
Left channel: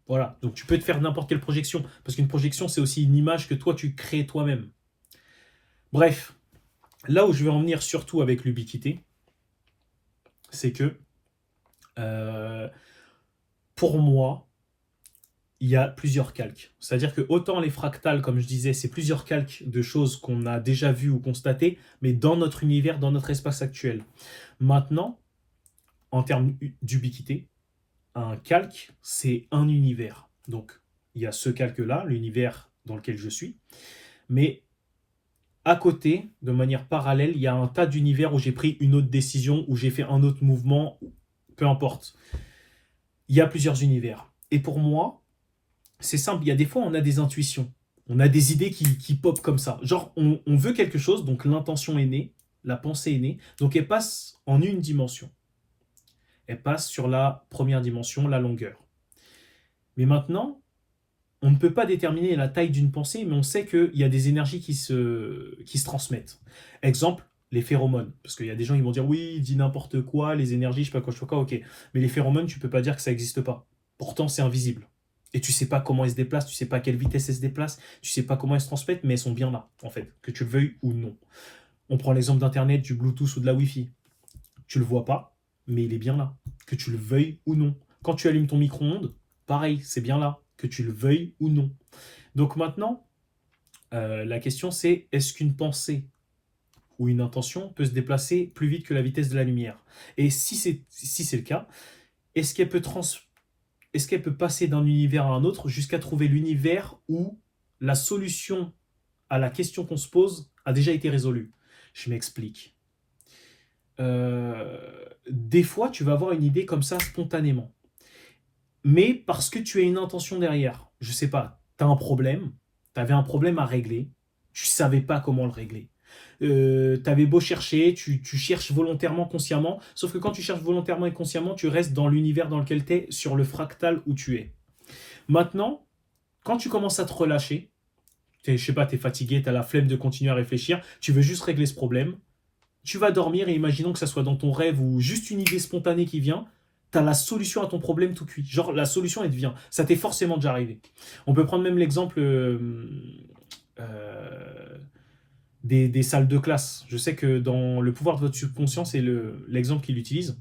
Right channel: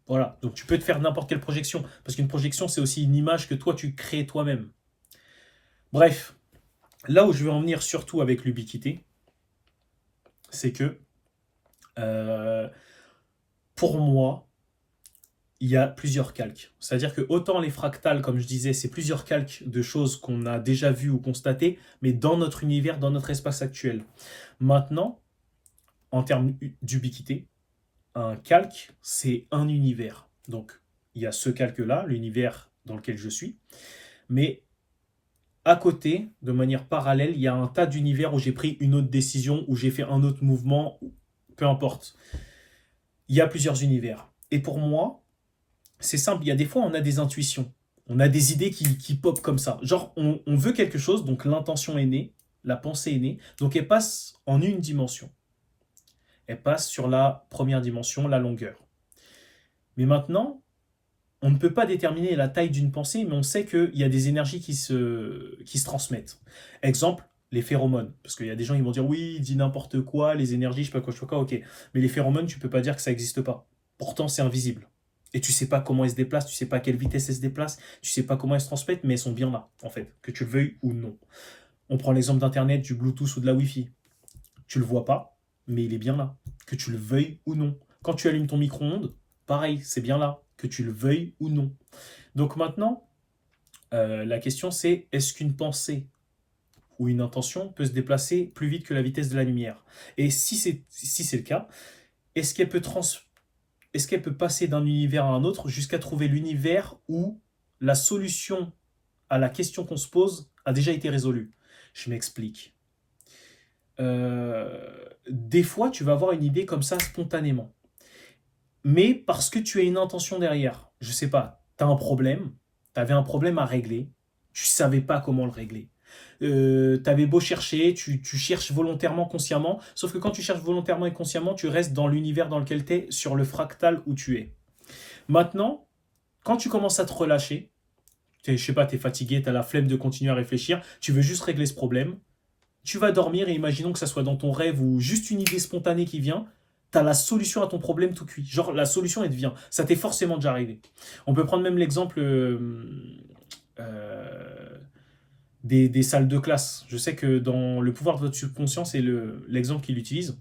Voilà, donc tu peux te faire n'importe quelle projection. Parce qu'une projection c'est aussi une image que toi tu crées toi-même. Bref, là où je vais en venir surtout avec l'ubiquité, c'est que euh, pour moi, il y a plusieurs calques. C'est-à-dire que autant les fractales, comme je disais, c'est plusieurs calques de choses qu'on a déjà vues ou constatées, mais dans notre univers, dans notre espace actuel. Maintenant, en termes d'ubiquité, un calque, c'est un univers. Donc, il y a ce calque-là, l'univers dans lequel je suis, mais à côté, de manière parallèle, il y a un tas d'univers où j'ai pris une autre décision, où j'ai fait un autre mouvement, peu importe. Il y a plusieurs univers. Et pour moi, c'est simple, il y a des fois, on a des intuitions. On a des idées qui pop comme ça. Genre, on veut quelque chose, donc l'intention est née, la pensée est née, donc elle passe en une dimension. Elle passe sur la première dimension, la longueur. Mais maintenant, on ne peut pas déterminer la taille d'une pensée, mais on sait qu'il y a des énergies qui se transmettent. Exemple, les phéromones. Parce qu'il y a des gens qui vont dire, oui, il dit n'importe quoi, les énergies, je sais pas quoi, ok. Mais les phéromones, tu peux pas dire que ça n'existe pas. Pourtant, c'est invisible. Et tu sais pas comment elles se déplacent, tu sais pas à quelle vitesse elles se déplacent, tu sais pas comment elles se transmettent, mais elles sont bien là, en fait, que tu le veuilles ou non. On prend l'exemple d'Internet, du Bluetooth ou de la Wi-Fi. Tu le vois pas, mais il est bien là, que tu le veuilles ou non. Quand tu allumes ton micro-ondes, pareil, c'est bien là, que tu le veuilles ou non. Donc maintenant, la question c'est, est-ce qu'une pensée ou une intention peut se déplacer plus vite que la vitesse de la lumière? Et si c'est le cas, est-ce qu'elle peut est-ce qu'elle peut passer d'un univers à un autre jusqu'à trouver l'univers où la solution à la question qu'on se pose a déjà été résolue? Je m'explique. Des fois, tu vas avoir une idée comme ça spontanément. Mais parce que tu as une intention derrière. Je sais pas, tu as un problème, tu avais un problème à régler, tu savais pas comment le régler. Tu avais beau chercher, tu cherches volontairement, consciemment, sauf que quand tu cherches volontairement et consciemment, tu restes dans l'univers dans lequel tu es, sur le fractal où tu es. Maintenant, quand tu commences à te relâcher, je sais pas, tu es fatigué, tu as la flemme de continuer à réfléchir, tu veux juste régler ce problème, tu vas dormir et imaginons que ça soit dans ton rêve ou juste une idée spontanée qui vient, tu as la solution à ton problème tout cuit. Genre, la solution, elle te vient. Ça t'est forcément déjà arrivé. On peut prendre même l'exemple des salles de classe. Je sais que dans le pouvoir de votre subconscient, c'est l'exemple qu'il utilise.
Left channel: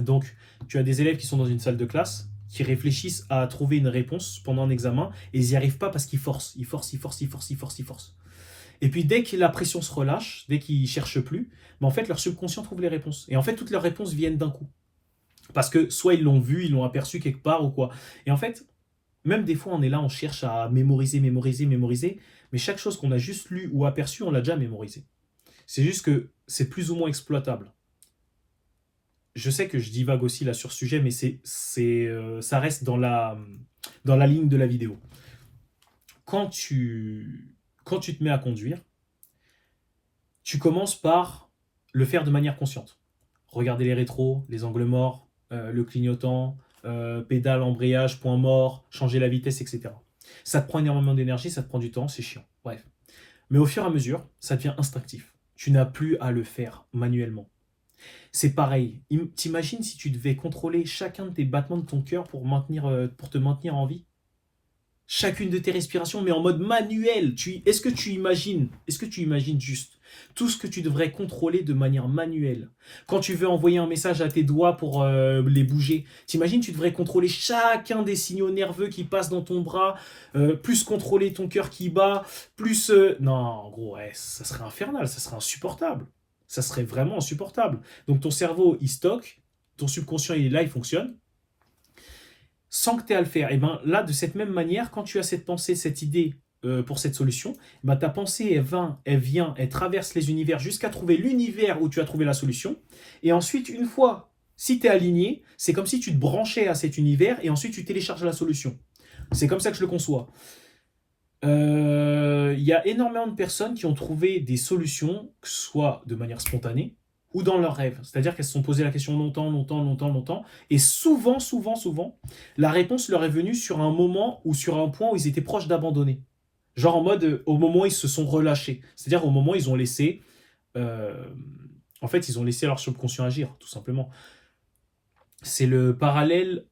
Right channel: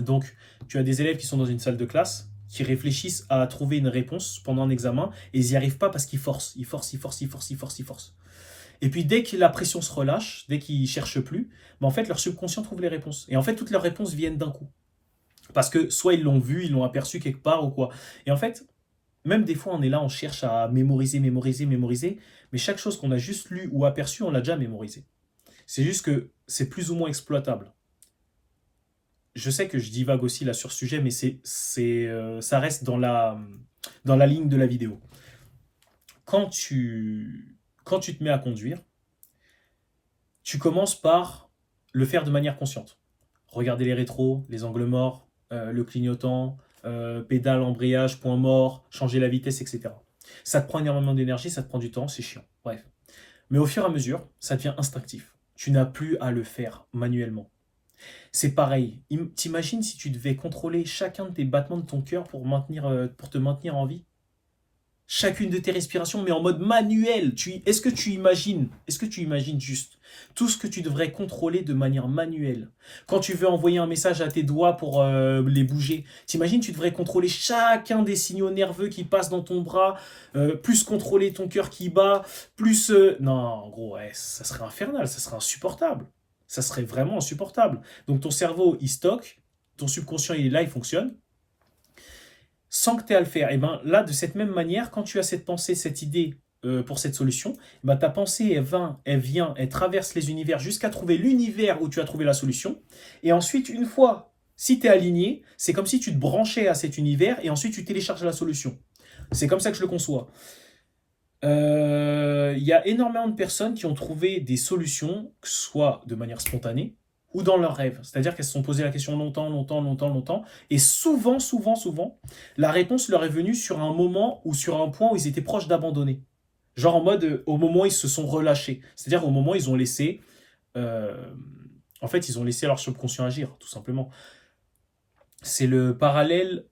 Donc, tu as des élèves qui sont dans une salle de classe, qui réfléchissent à trouver une réponse pendant un examen, et ils n'y arrivent pas parce qu'ils forcent, ils forcent, ils forcent, ils forcent, ils forcent, ils forcent. Et puis dès que la pression se relâche, dès qu'ils ne cherchent plus, en fait leur subconscient trouve les réponses. Et en fait toutes leurs réponses viennent d'un coup. Parce que soit ils l'ont vu, ils l'ont aperçu quelque part ou quoi. Et en fait, même des fois on est là, on cherche à mémoriser, mémoriser, mémoriser, mais chaque chose qu'on a juste lu ou aperçu, on l'a déjà mémorisé. C'est juste que c'est plus ou moins exploitable. Je sais que je divague aussi là sur ce sujet, mais ça reste dans la ligne de la vidéo. Quand tu te mets à conduire, tu commences par le faire de manière consciente. Regarder les rétros, les angles morts, le clignotant, pédale, embrayage, point mort, changer la vitesse, etc. Ça te prend énormément d'énergie, ça te prend du temps, c'est chiant. Bref. Mais au fur et à mesure, ça devient instinctif. Tu n'as plus à le faire manuellement. C'est pareil. T'imagines si tu devais contrôler chacun de tes battements de ton cœur pour te maintenir en vie? Chacune de tes respirations, mais en mode manuel. Est-ce que tu imagines juste tout ce que tu devrais contrôler de manière manuelle? Quand tu veux envoyer un message à tes doigts pour les bouger, t'imagines, tu devrais contrôler chacun des signaux nerveux qui passent dans ton bras, plus contrôler ton cœur qui bat, plus... Non, en gros, ouais, ça serait infernal, ça serait insupportable. Ça serait vraiment insupportable. Donc ton cerveau, il stocke, ton subconscient, il est là, il fonctionne sans que tu aies à le faire. Et bien là, de cette même manière, quand tu as cette pensée, cette idée pour cette solution, ben, ta pensée, elle traverse les univers jusqu'à trouver l'univers où tu as trouvé la solution. Et ensuite, une fois, si tu es aligné, c'est comme si tu te branchais à cet univers et ensuite tu télécharges la solution. C'est comme ça que je le conçois. Y a énormément de personnes qui ont trouvé des solutions, que ce soit de manière spontanée, ou dans leurs rêves. C'est-à-dire qu'elles se sont posées la question longtemps, et souvent, la réponse leur est venue sur un moment ou sur un point où ils étaient proches d'abandonner. Genre en mode, au moment où ils se sont relâchés. C'est-à-dire au moment où ils ont laissé... euh, en fait, ils ont laissé leur subconscient agir, tout simplement. C'est le parallèle...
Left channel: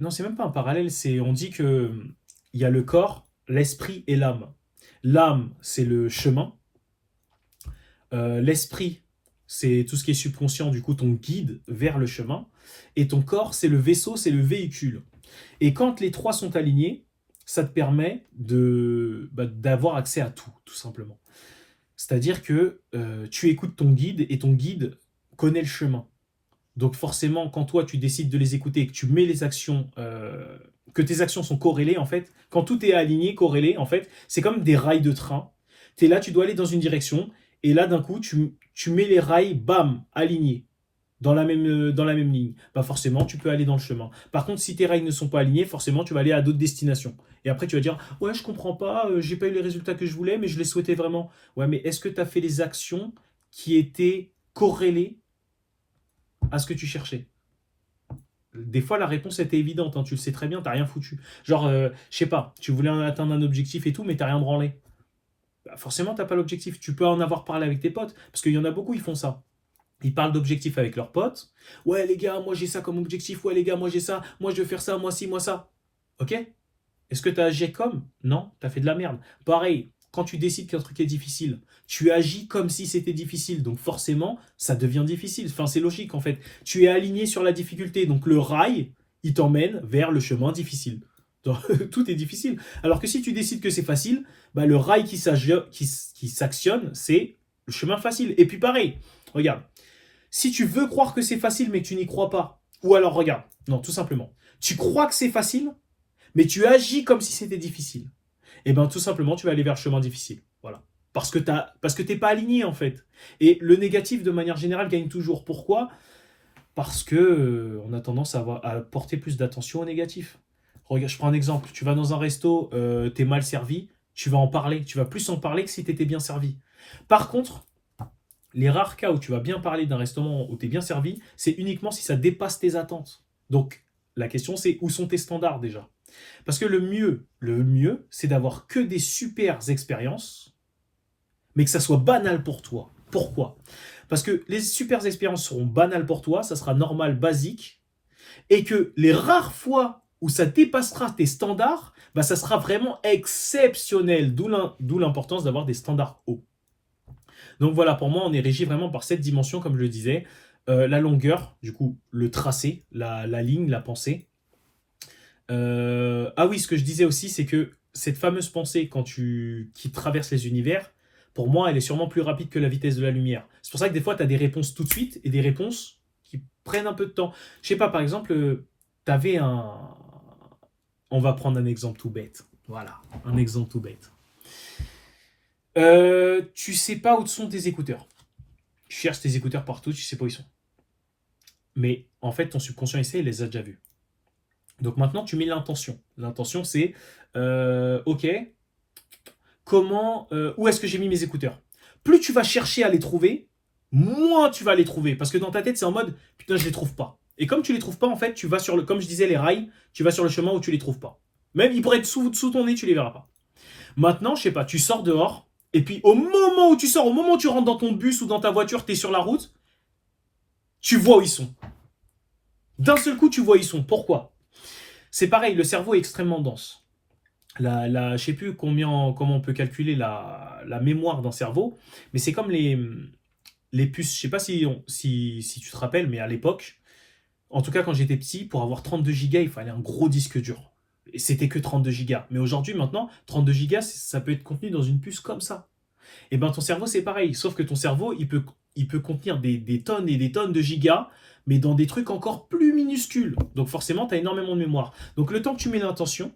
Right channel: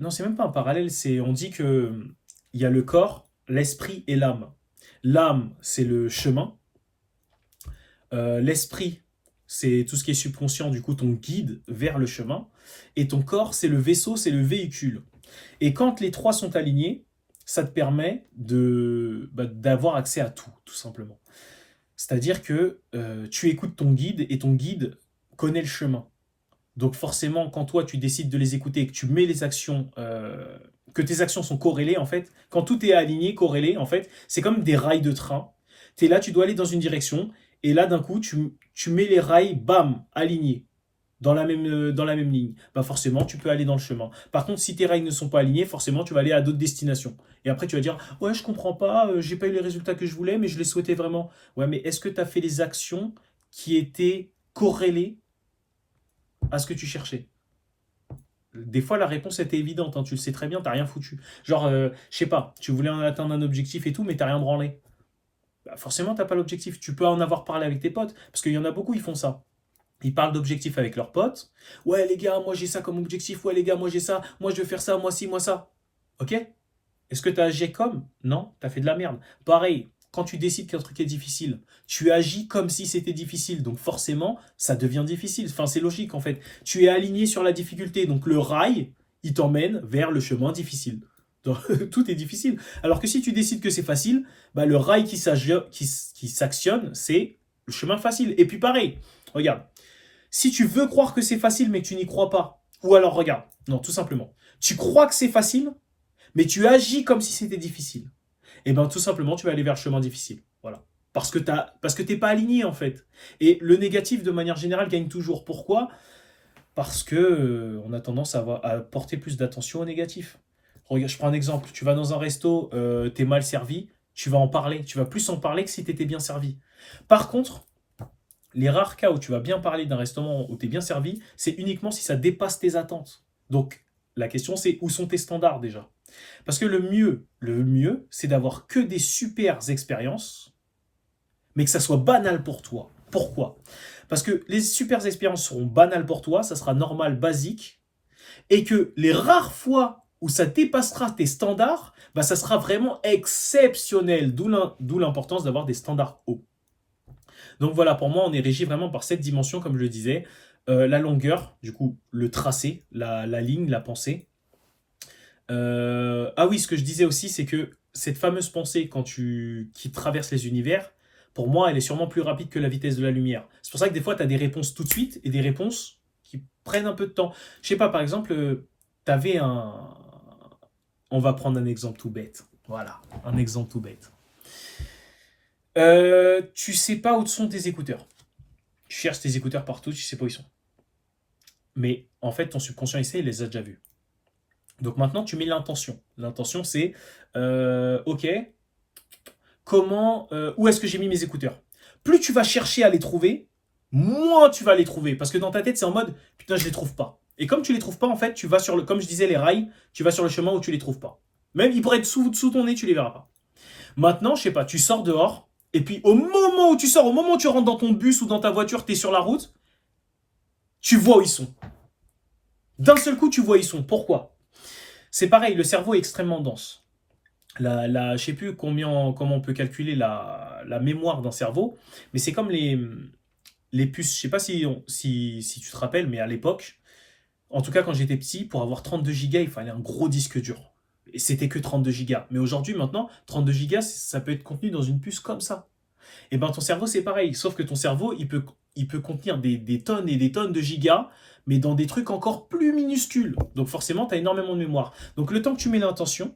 non, c'est même pas un parallèle, on dit que il y a le corps, l'esprit et l'âme. L'âme, c'est le chemin. L'esprit, c'est tout ce qui est subconscient, du coup, ton guide vers le chemin. Et ton corps, c'est le vaisseau, c'est le véhicule. Et quand les trois sont alignés, ça te permet d'avoir accès à tout simplement. C'est-à-dire que tu écoutes ton guide et ton guide connaît le chemin. Donc forcément, quand toi, tu décides de les écouter et que tu mets les actions... que tes actions sont corrélées, en fait, quand tout est aligné, corrélé, en fait, c'est comme des rails de train. Tu es là, tu dois aller dans une direction, et là, d'un coup, tu mets les rails, bam, alignés, dans la même ligne. Bah forcément, tu peux aller dans le chemin. Par contre, si tes rails ne sont pas alignés, forcément, tu vas aller à d'autres destinations. Et après, tu vas dire, ouais, je comprends pas, j'ai pas eu les résultats que je voulais, mais je les souhaitais vraiment. Ouais, mais est-ce que tu as fait les actions qui étaient corrélées à ce que tu cherchais? Des fois, la réponse était évidente, hein, tu le sais très bien, t'as rien foutu. Genre, je sais pas, tu voulais atteindre un objectif et tout, mais t'as rien branlé. Bah, forcément, t'as pas l'objectif. Tu peux en avoir parlé avec tes potes, parce qu'il y en a beaucoup, ils font ça. Ils parlent d'objectifs avec leurs potes. Ouais, les gars, moi j'ai ça comme objectif. Ouais, les gars, moi j'ai ça. Moi je veux faire ça, moi ci, moi ça. Ok? Est-ce que t'as agi comme? Non, t'as fait de la merde. Pareil, quand tu décides qu'un truc est difficile, tu agis comme si c'était difficile. Donc forcément, ça devient difficile. Enfin, c'est logique en fait. Tu es aligné sur la difficulté. Donc le rail, il t'emmène vers le chemin difficile. Donc, tout est difficile. Alors que si tu décides que c'est facile, bah, le rail qui s'actionne, c'est le chemin facile. Et puis pareil, regarde. Si tu veux croire que c'est facile mais que tu n'y crois pas, ou alors regarde, non, tout simplement, tu crois que c'est facile, mais tu agis comme si c'était difficile, et bien tout simplement, tu vas aller vers le chemin difficile. Voilà. Parce que t'es pas aligné en fait. Et le négatif, de manière générale, gagne toujours. Pourquoi? Parce que on a tendance à porter plus d'attention au négatif. Regarde, je prends un exemple. Tu vas dans un resto, t'es mal servi, tu vas en parler. Tu vas plus en parler que si t'étais bien servi. Par contre, les rares cas où tu vas bien parler d'un restaurant où tu es bien servi, c'est uniquement si ça dépasse tes attentes. Donc, la question c'est où sont tes standards déjà? Parce que le mieux, c'est d'avoir que des super expériences, mais que ça soit banal pour toi. Pourquoi? Parce que les super expériences seront banales pour toi, ça sera normal, basique, et que les rares fois où ça dépassera tes standards, bah, ça sera vraiment exceptionnel, d'où l'importance d'avoir des standards hauts. Donc voilà, pour moi, on est régi vraiment par cette dimension, comme je le disais. La longueur, du coup, le tracé, la ligne, la pensée. Ah oui, ce que je disais aussi, c'est que cette fameuse pensée qui traverse les univers, pour moi, elle est sûrement plus rapide que la vitesse de la lumière. C'est pour ça que des fois, tu as des réponses tout de suite et des réponses qui prennent un peu de temps. Je sais pas, par exemple, tu avais un... On va prendre un exemple tout bête. Voilà, un exemple tout bête. Tu sais pas où sont tes écouteurs. Tu cherches tes écouteurs partout, tu sais pas où ils sont. Mais en fait, ton subconscient, il les a déjà vus. Donc maintenant, tu mets l'intention. L'intention, c'est, ok, où est-ce que j'ai mis mes écouteurs? plus tu vas chercher à les trouver, moins tu vas les trouver. Parce que dans ta tête, c'est en mode, putain, je les trouve pas. Et comme tu les trouves pas, en fait, tu vas sur le, comme je disais, les rails, tu vas sur le chemin où tu les trouves pas. Même, ils pourraient être sous ton nez, tu les verras pas. Maintenant, je sais pas, tu sors dehors, et puis au moment où tu sors, au moment où tu rentres dans ton bus ou dans ta voiture, tu es sur la route, tu vois où ils sont. D'un seul coup, tu vois où ils sont. Pourquoi? C'est pareil, le cerveau est extrêmement dense. Je sais plus comment on peut calculer la mémoire d'un cerveau, mais c'est comme les puces. Je sais pas si tu te rappelles, mais à l'époque, en tout cas quand j'étais petit, pour avoir 32 gigas, il fallait un gros disque dur. Et c'était que 32 gigas. Mais aujourd'hui, maintenant, 32 gigas, ça peut être contenu dans une puce comme ça. Et ben ton cerveau, c'est pareil. Sauf que ton cerveau, il peut contenir des tonnes et des tonnes de gigas, mais dans des trucs encore plus minuscules. Donc forcément, tu as énormément de mémoire. Donc le temps que tu mets l'intention,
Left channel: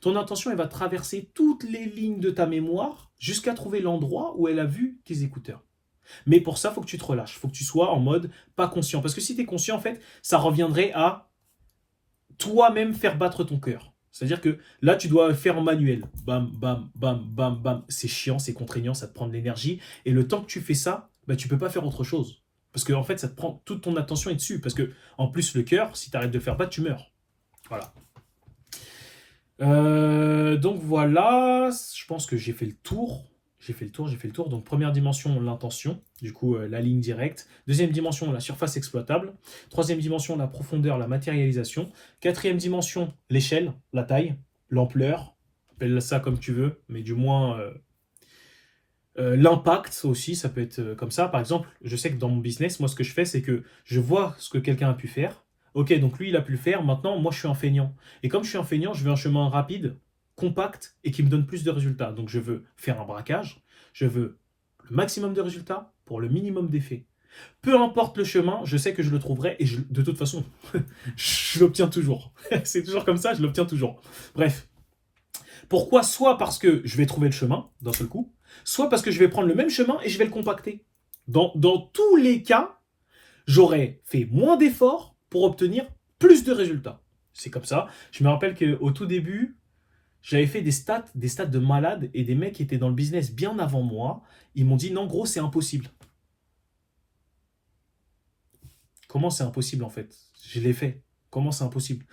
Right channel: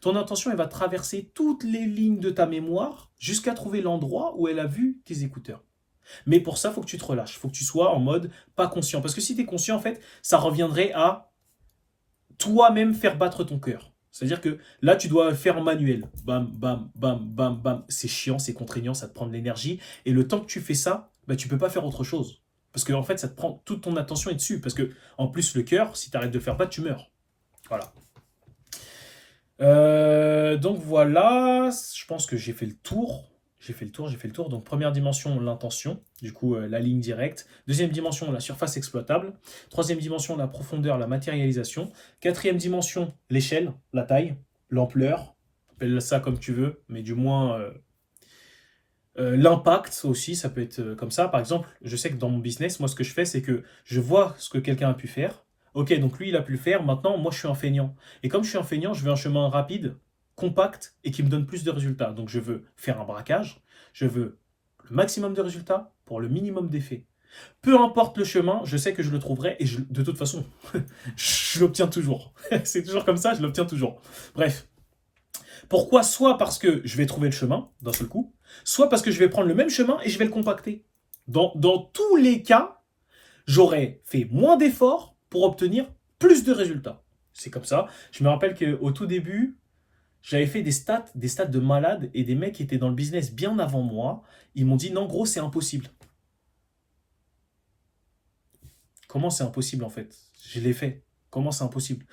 ton intention, elle va traverser toutes les lignes de ta mémoire jusqu'à trouver l'endroit où elle a vu tes écouteurs. Mais pour ça, il faut que tu te relâches. Il faut que tu sois en mode pas conscient. Parce que si tu es conscient, en fait, ça reviendrait à toi-même faire battre ton cœur. C'est-à-dire que là, tu dois faire en manuel. Bam, bam, bam, bam, bam. C'est chiant, c'est contraignant, ça te prend de l'énergie. Et le temps que tu fais ça, bah, tu peux pas faire autre chose. Parce que en fait, ça te prend toute ton attention est dessus. Parce que en plus, le cœur, si tu arrêtes de le faire battre, tu meurs. Voilà. Donc voilà, je pense que j'ai fait le tour. J'ai fait le tour. Donc première dimension, l'intention, du coup la ligne directe. Deuxième dimension, la surface exploitable. Troisième dimension, la profondeur, la matérialisation. Quatrième dimension, l'échelle, la taille, l'ampleur. Appelle ça comme tu veux, mais du moins l'impact aussi, ça peut être comme ça. Par exemple, je sais que dans mon business, moi ce que je fais, c'est que je vois ce que quelqu'un a pu faire. Ok, donc lui, il a pu le faire. Maintenant, moi, je suis un feignant. Et comme je suis un feignant, je veux un chemin rapide, compact et qui me donne plus de résultats. Donc, je veux faire un braquage. Je veux le maximum de résultats pour le minimum d'effets. Peu importe le chemin, je sais que je le trouverai et de toute façon, je l'obtiens toujours. C'est toujours comme ça, je l'obtiens toujours. Bref. Pourquoi? Soit parce que je vais trouver le chemin d'un seul coup, soit parce que je vais prendre le même chemin et je vais le compacter. Dans tous les cas, j'aurais fait moins d'efforts pour obtenir plus de résultats. C'est comme ça. Je me rappelle qu'au tout début, j'avais fait des stats de malade et des mecs qui étaient dans le business bien avant moi. Ils m'ont dit non, gros, c'est impossible. Comment c'est impossible en fait? Je l'ai fait. Comment c'est impossible?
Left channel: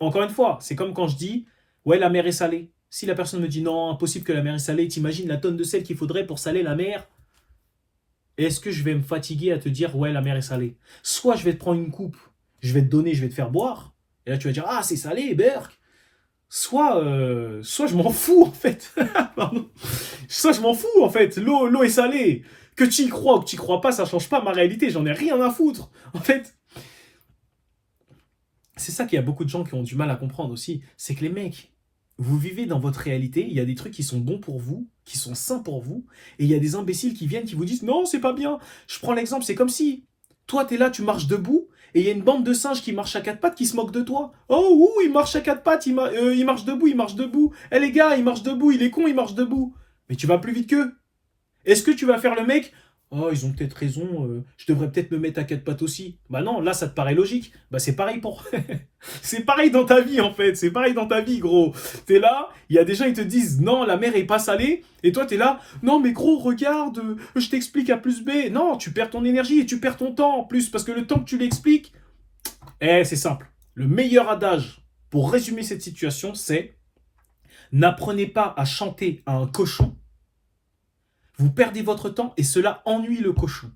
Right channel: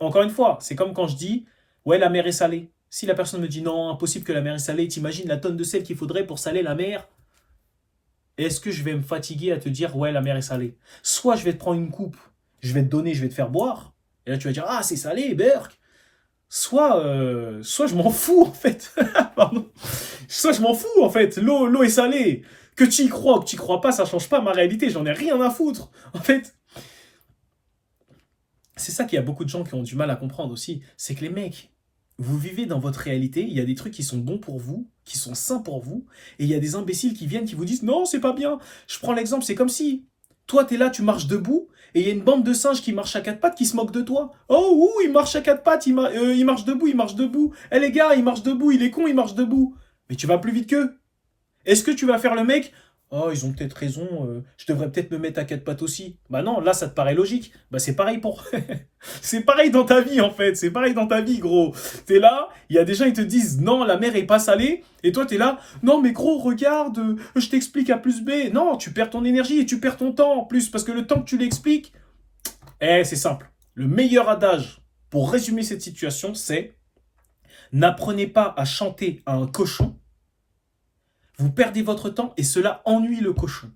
Encore une fois, c'est comme quand je dis ouais, la mer est salée. Si la personne me dit non, impossible que la mer est salée, t'imagines la tonne de sel qu'il faudrait pour saler la mer? Est-ce que je vais me fatiguer à te dire ouais, la mer est salée? Soit je vais te prendre une coupe, je vais te donner, je vais te faire boire, et là tu vas dire ah, c'est salé, Berk. Soit je m'en fous en fait. Pardon. Soit je m'en fous en fait. L'eau est salée. Que tu y crois ou que tu y crois pas, ça change pas ma réalité. J'en ai rien à foutre. En fait, c'est ça qu'il y a beaucoup de gens qui ont du mal à comprendre aussi. C'est que les mecs, vous vivez dans votre réalité, il y a des trucs qui sont bons pour vous, qui sont sains pour vous, et il y a des imbéciles qui viennent qui vous disent non, c'est pas bien. Je prends l'exemple, c'est comme si toi t'es là, tu marches debout, et il y a une bande de singes qui marchent à quatre pattes qui se moquent de toi. Oh, ouh, il marche à quatre pattes, il marche debout, il marche debout. Eh les gars, il marche debout, il est con, il marche debout. Mais tu vas plus vite qu'eux. Est-ce que tu vas faire le mec? Oh, ils ont peut-être raison, je devrais peut-être me mettre à quatre pattes aussi. Bah non, là ça te paraît logique. Bah c'est pareil pour. C'est pareil dans ta vie en fait, c'est pareil dans ta vie gros. T'es là, il y a des gens ils te disent non, la mer est pas salée, et toi t'es là, non mais gros regarde, je t'explique A plus B. Non, tu perds ton énergie et tu perds ton temps en plus, parce que le temps que tu l'expliques, c'est simple. Le meilleur adage pour résumer cette situation, c'est n'apprenez pas à chanter à un cochon. Vous perdez votre temps et cela ennuie le cochon.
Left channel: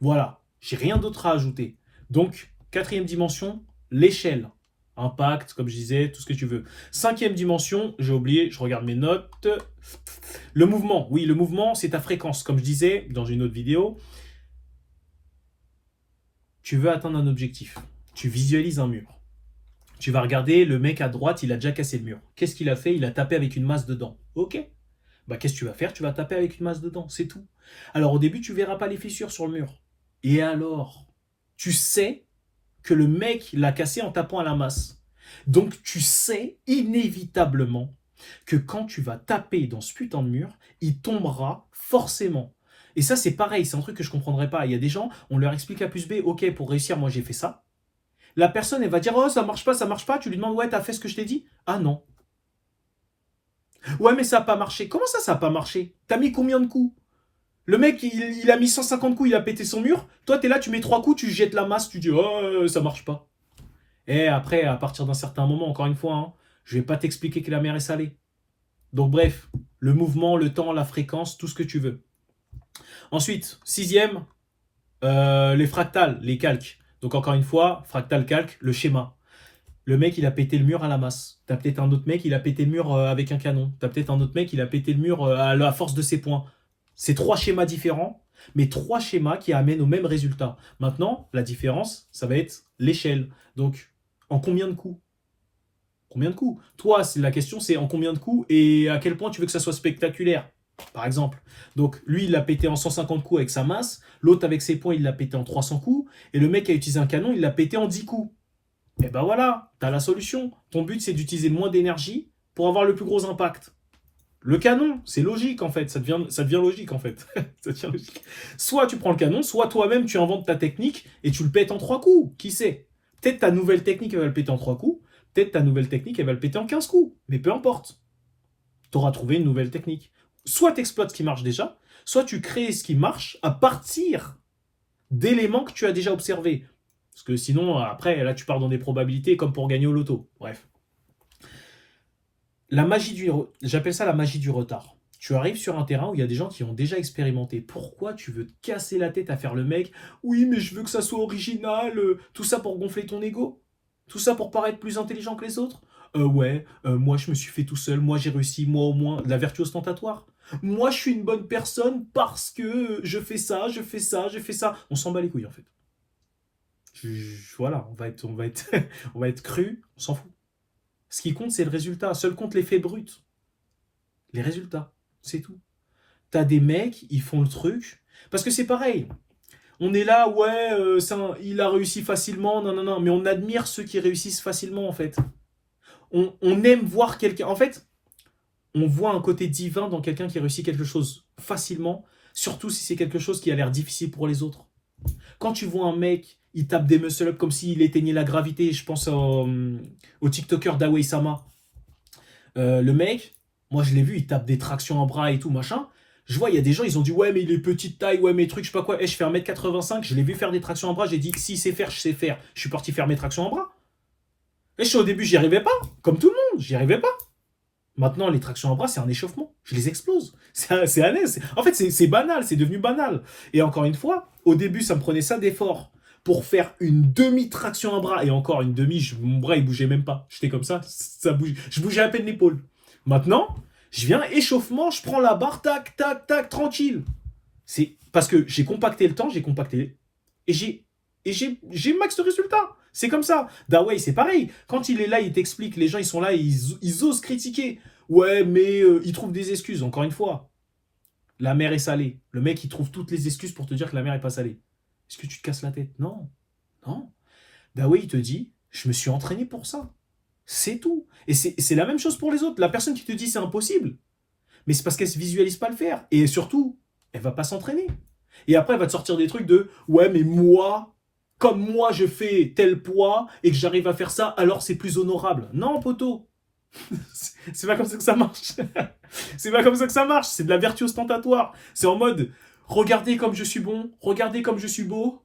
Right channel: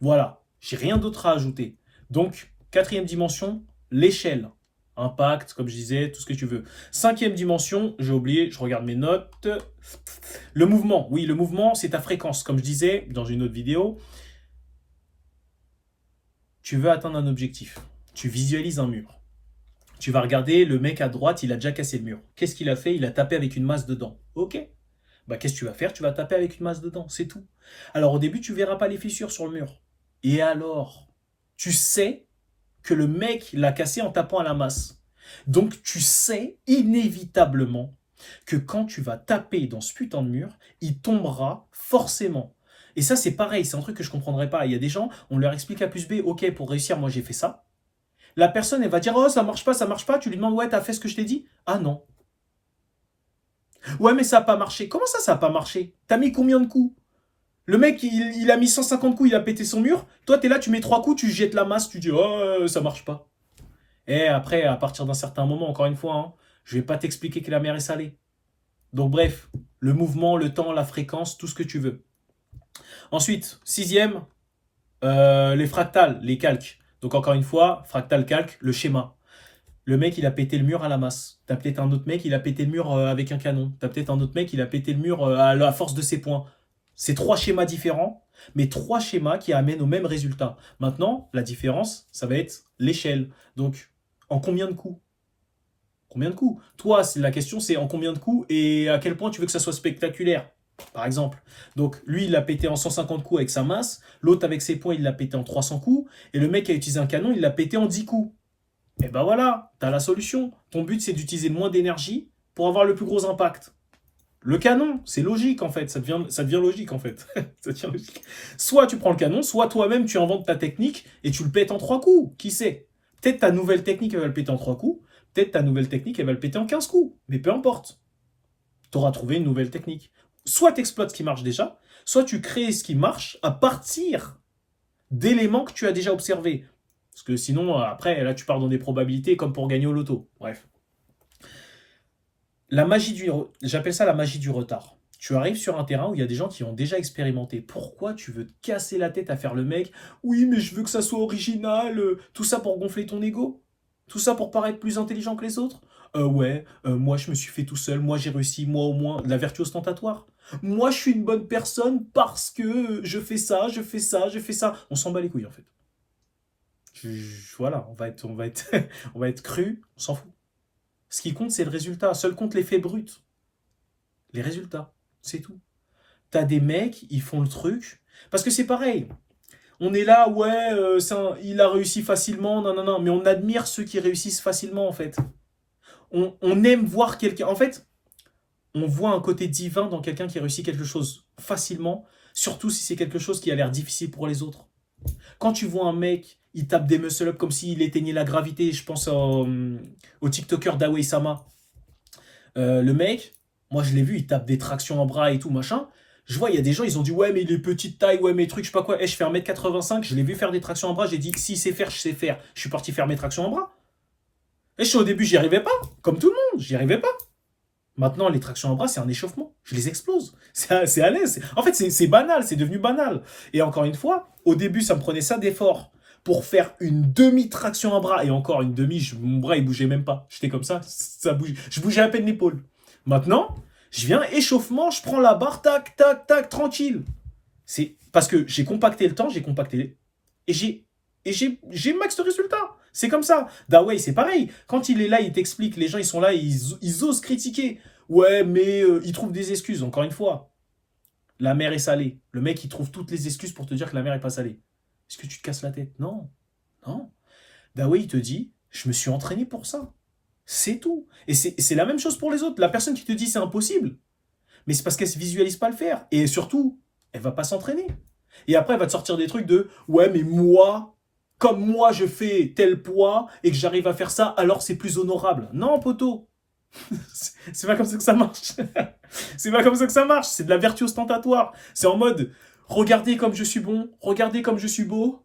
Voilà, j'ai rien d'autre à ajouter. Donc, quatrième dimension, l'échelle. Impact, comme je disais, tout ce que tu veux. Cinquième dimension, j'ai oublié, je regarde mes notes. Le mouvement, oui, le mouvement, c'est ta fréquence. Comme je disais dans une autre vidéo, tu veux atteindre un objectif. Tu visualises un mur. Tu vas regarder, le mec à droite, il a déjà cassé le mur. Qu'est-ce qu'il a fait? Il a tapé avec une masse dedans. Ok. Bah, qu'est-ce que tu vas faire? Tu vas taper avec une masse dedans, c'est tout. Alors au début, tu verras pas les fissures sur le mur. Et alors, tu sais que le mec l'a cassé en tapant à la masse. Donc tu sais inévitablement que quand tu vas taper dans ce putain de mur, il tombera forcément. Et ça, c'est pareil, c'est un truc que je ne comprendrais pas. Il y a des gens, on leur explique A plus B, ok, pour réussir, moi j'ai fait ça. La personne, elle va dire, oh, ça marche pas, ça marche pas. Tu lui demandes, ouais, t'as fait ce que je t'ai dit? Ah non. Ouais, mais ça n'a pas marché. Comment ça n'a pas marché? T'as mis combien de coups? Le mec, il a mis 150 coups, il a pété son mur. Toi, t'es là, tu mets 3 coups, tu jettes la masse, tu dis, oh, ça marche pas. Et après, à partir d'un certain moment, encore une fois, hein, je vais pas t'expliquer que la mer est salée. Donc bref, le mouvement, le temps, la fréquence, tout ce que tu veux. Ensuite, sixième, les fractales, les calques. Donc encore une fois, fractal, calque, le schéma. Le mec, il a pété le mur à la masse. T'as peut-être un autre mec, il a pété le mur avec un canon. T'as peut-être un autre mec, il a pété le mur à la force de ses poings. C'est trois schémas différents, mais trois schémas qui amènent au même résultat. Maintenant, la différence, ça va être l'échelle. Donc, en combien de coups? Combien de coups? Toi, la question, c'est en combien de coups et à quel point tu veux que ça soit spectaculaire, par exemple. Donc, lui, il l'a pété en 150 coups avec sa masse. L'autre, avec ses poings, il l'a pété en 300 coups. Et le mec qui a utilisé un canon, il l'a pété en 10 coups. Et ben voilà, t'as la solution. Ton but, c'est d'utiliser le moins d'énergie pour avoir le plus gros impact. Le canon, c'est logique en fait, ça devient logique en fait. Ça devient logique. Soit tu prends le canon, soit toi-même tu inventes ta technique et tu le pètes en 3 coups. Qui sait? Peut-être ta nouvelle technique, elle va le péter en 3 coups. Peut-être ta nouvelle technique, elle va le péter en 15 coups. Mais peu importe. Tu auras trouvé une nouvelle technique. Soit tu exploites ce qui marche déjà, soit tu crées ce qui marche à partir d'éléments que tu as déjà observés. Parce que sinon, après, là, tu pars dans des probabilités comme pour gagner au loto. Bref. J'appelle ça la magie du retard. Tu arrives sur un terrain où il y a des gens qui ont déjà expérimenté. Pourquoi tu veux te casser la tête à faire le mec? Oui, mais je veux que ça soit original. Tout ça pour gonfler ton ego? Tout ça pour paraître plus intelligent que les autres? Ouais, moi je me suis fait tout seul, moi j'ai réussi, moi au moins, la vertu ostentatoire. Moi je suis une bonne personne parce que je fais ça, je fais ça, je fais ça. On s'en bat les couilles en fait. Voilà, on va être cru, on s'en fout. Ce qui compte, c'est le résultat. Seul compte l'effet brut. Les résultats, c'est tout. T'as des mecs, ils font le truc. Parce que c'est pareil. On est là, ouais, il a réussi facilement, non, non, non. Mais on admire ceux qui réussissent facilement, en fait. On aime voir quelqu'un. En fait, on voit un côté divin dans quelqu'un qui réussit quelque chose facilement, surtout si c'est quelque chose qui a l'air difficile pour les autres. Quand tu vois un mec, il tape des muscle-up comme s'il éteignait la gravité, je pense au TikToker d'Away Sama. Le mec, moi je l'ai vu, il tape des tractions en bras et tout, machin. Je vois, il y a des gens, ils ont dit, ouais, mais il est petite taille, ouais, mes trucs, je sais pas quoi. Je fais 1m85, je l'ai vu faire des tractions en bras, j'ai dit, s'il sait faire, je sais faire. Je suis parti faire mes tractions en bras. Au début, j'y arrivais pas, comme tout le monde, j'y arrivais pas. Maintenant, les tractions en bras, c'est un échauffement. Je les explose. C'est à l'aise. En fait, c'est banal, c'est devenu banal. Et encore une fois, au début, ça me prenait ça d'effort pour faire une demi-traction en bras. Et encore une demi, mon bras, il bougeait même pas. J'étais comme ça bougeait. Je bougeais à peine l'épaule. Maintenant, je viens échauffement, je prends la barre, tac, tac, tac, tranquille. C'est parce que j'ai compacté le temps, j'ai compacté et j'ai max de résultats. C'est comme ça. Dawei, c'est pareil. Quand il est là, il t'explique, les gens, ils sont là, ils osent critiquer. Ouais, mais ils trouvent des excuses. Encore une fois, la mer est salée. Le mec, il trouve toutes les excuses pour te dire que la mer est pas salée. Est-ce que tu te casses la tête? Non. Non. Dawei, il te dit, je me suis entraîné pour ça. C'est tout. Et c'est la même chose pour les autres. La personne qui te dit c'est impossible, mais c'est parce qu'elle ne visualise pas le faire. Et surtout, elle va pas s'entraîner. Et après, elle va te sortir des trucs de ouais, mais moi, comme moi, je fais tel poids et que j'arrive à faire ça, alors c'est plus honorable. Non, poteau. C'est pas comme ça que ça marche. C'est pas comme ça que ça marche. C'est de la vertu ostentatoire. C'est en mode regardez comme je suis bon, regardez comme je suis beau.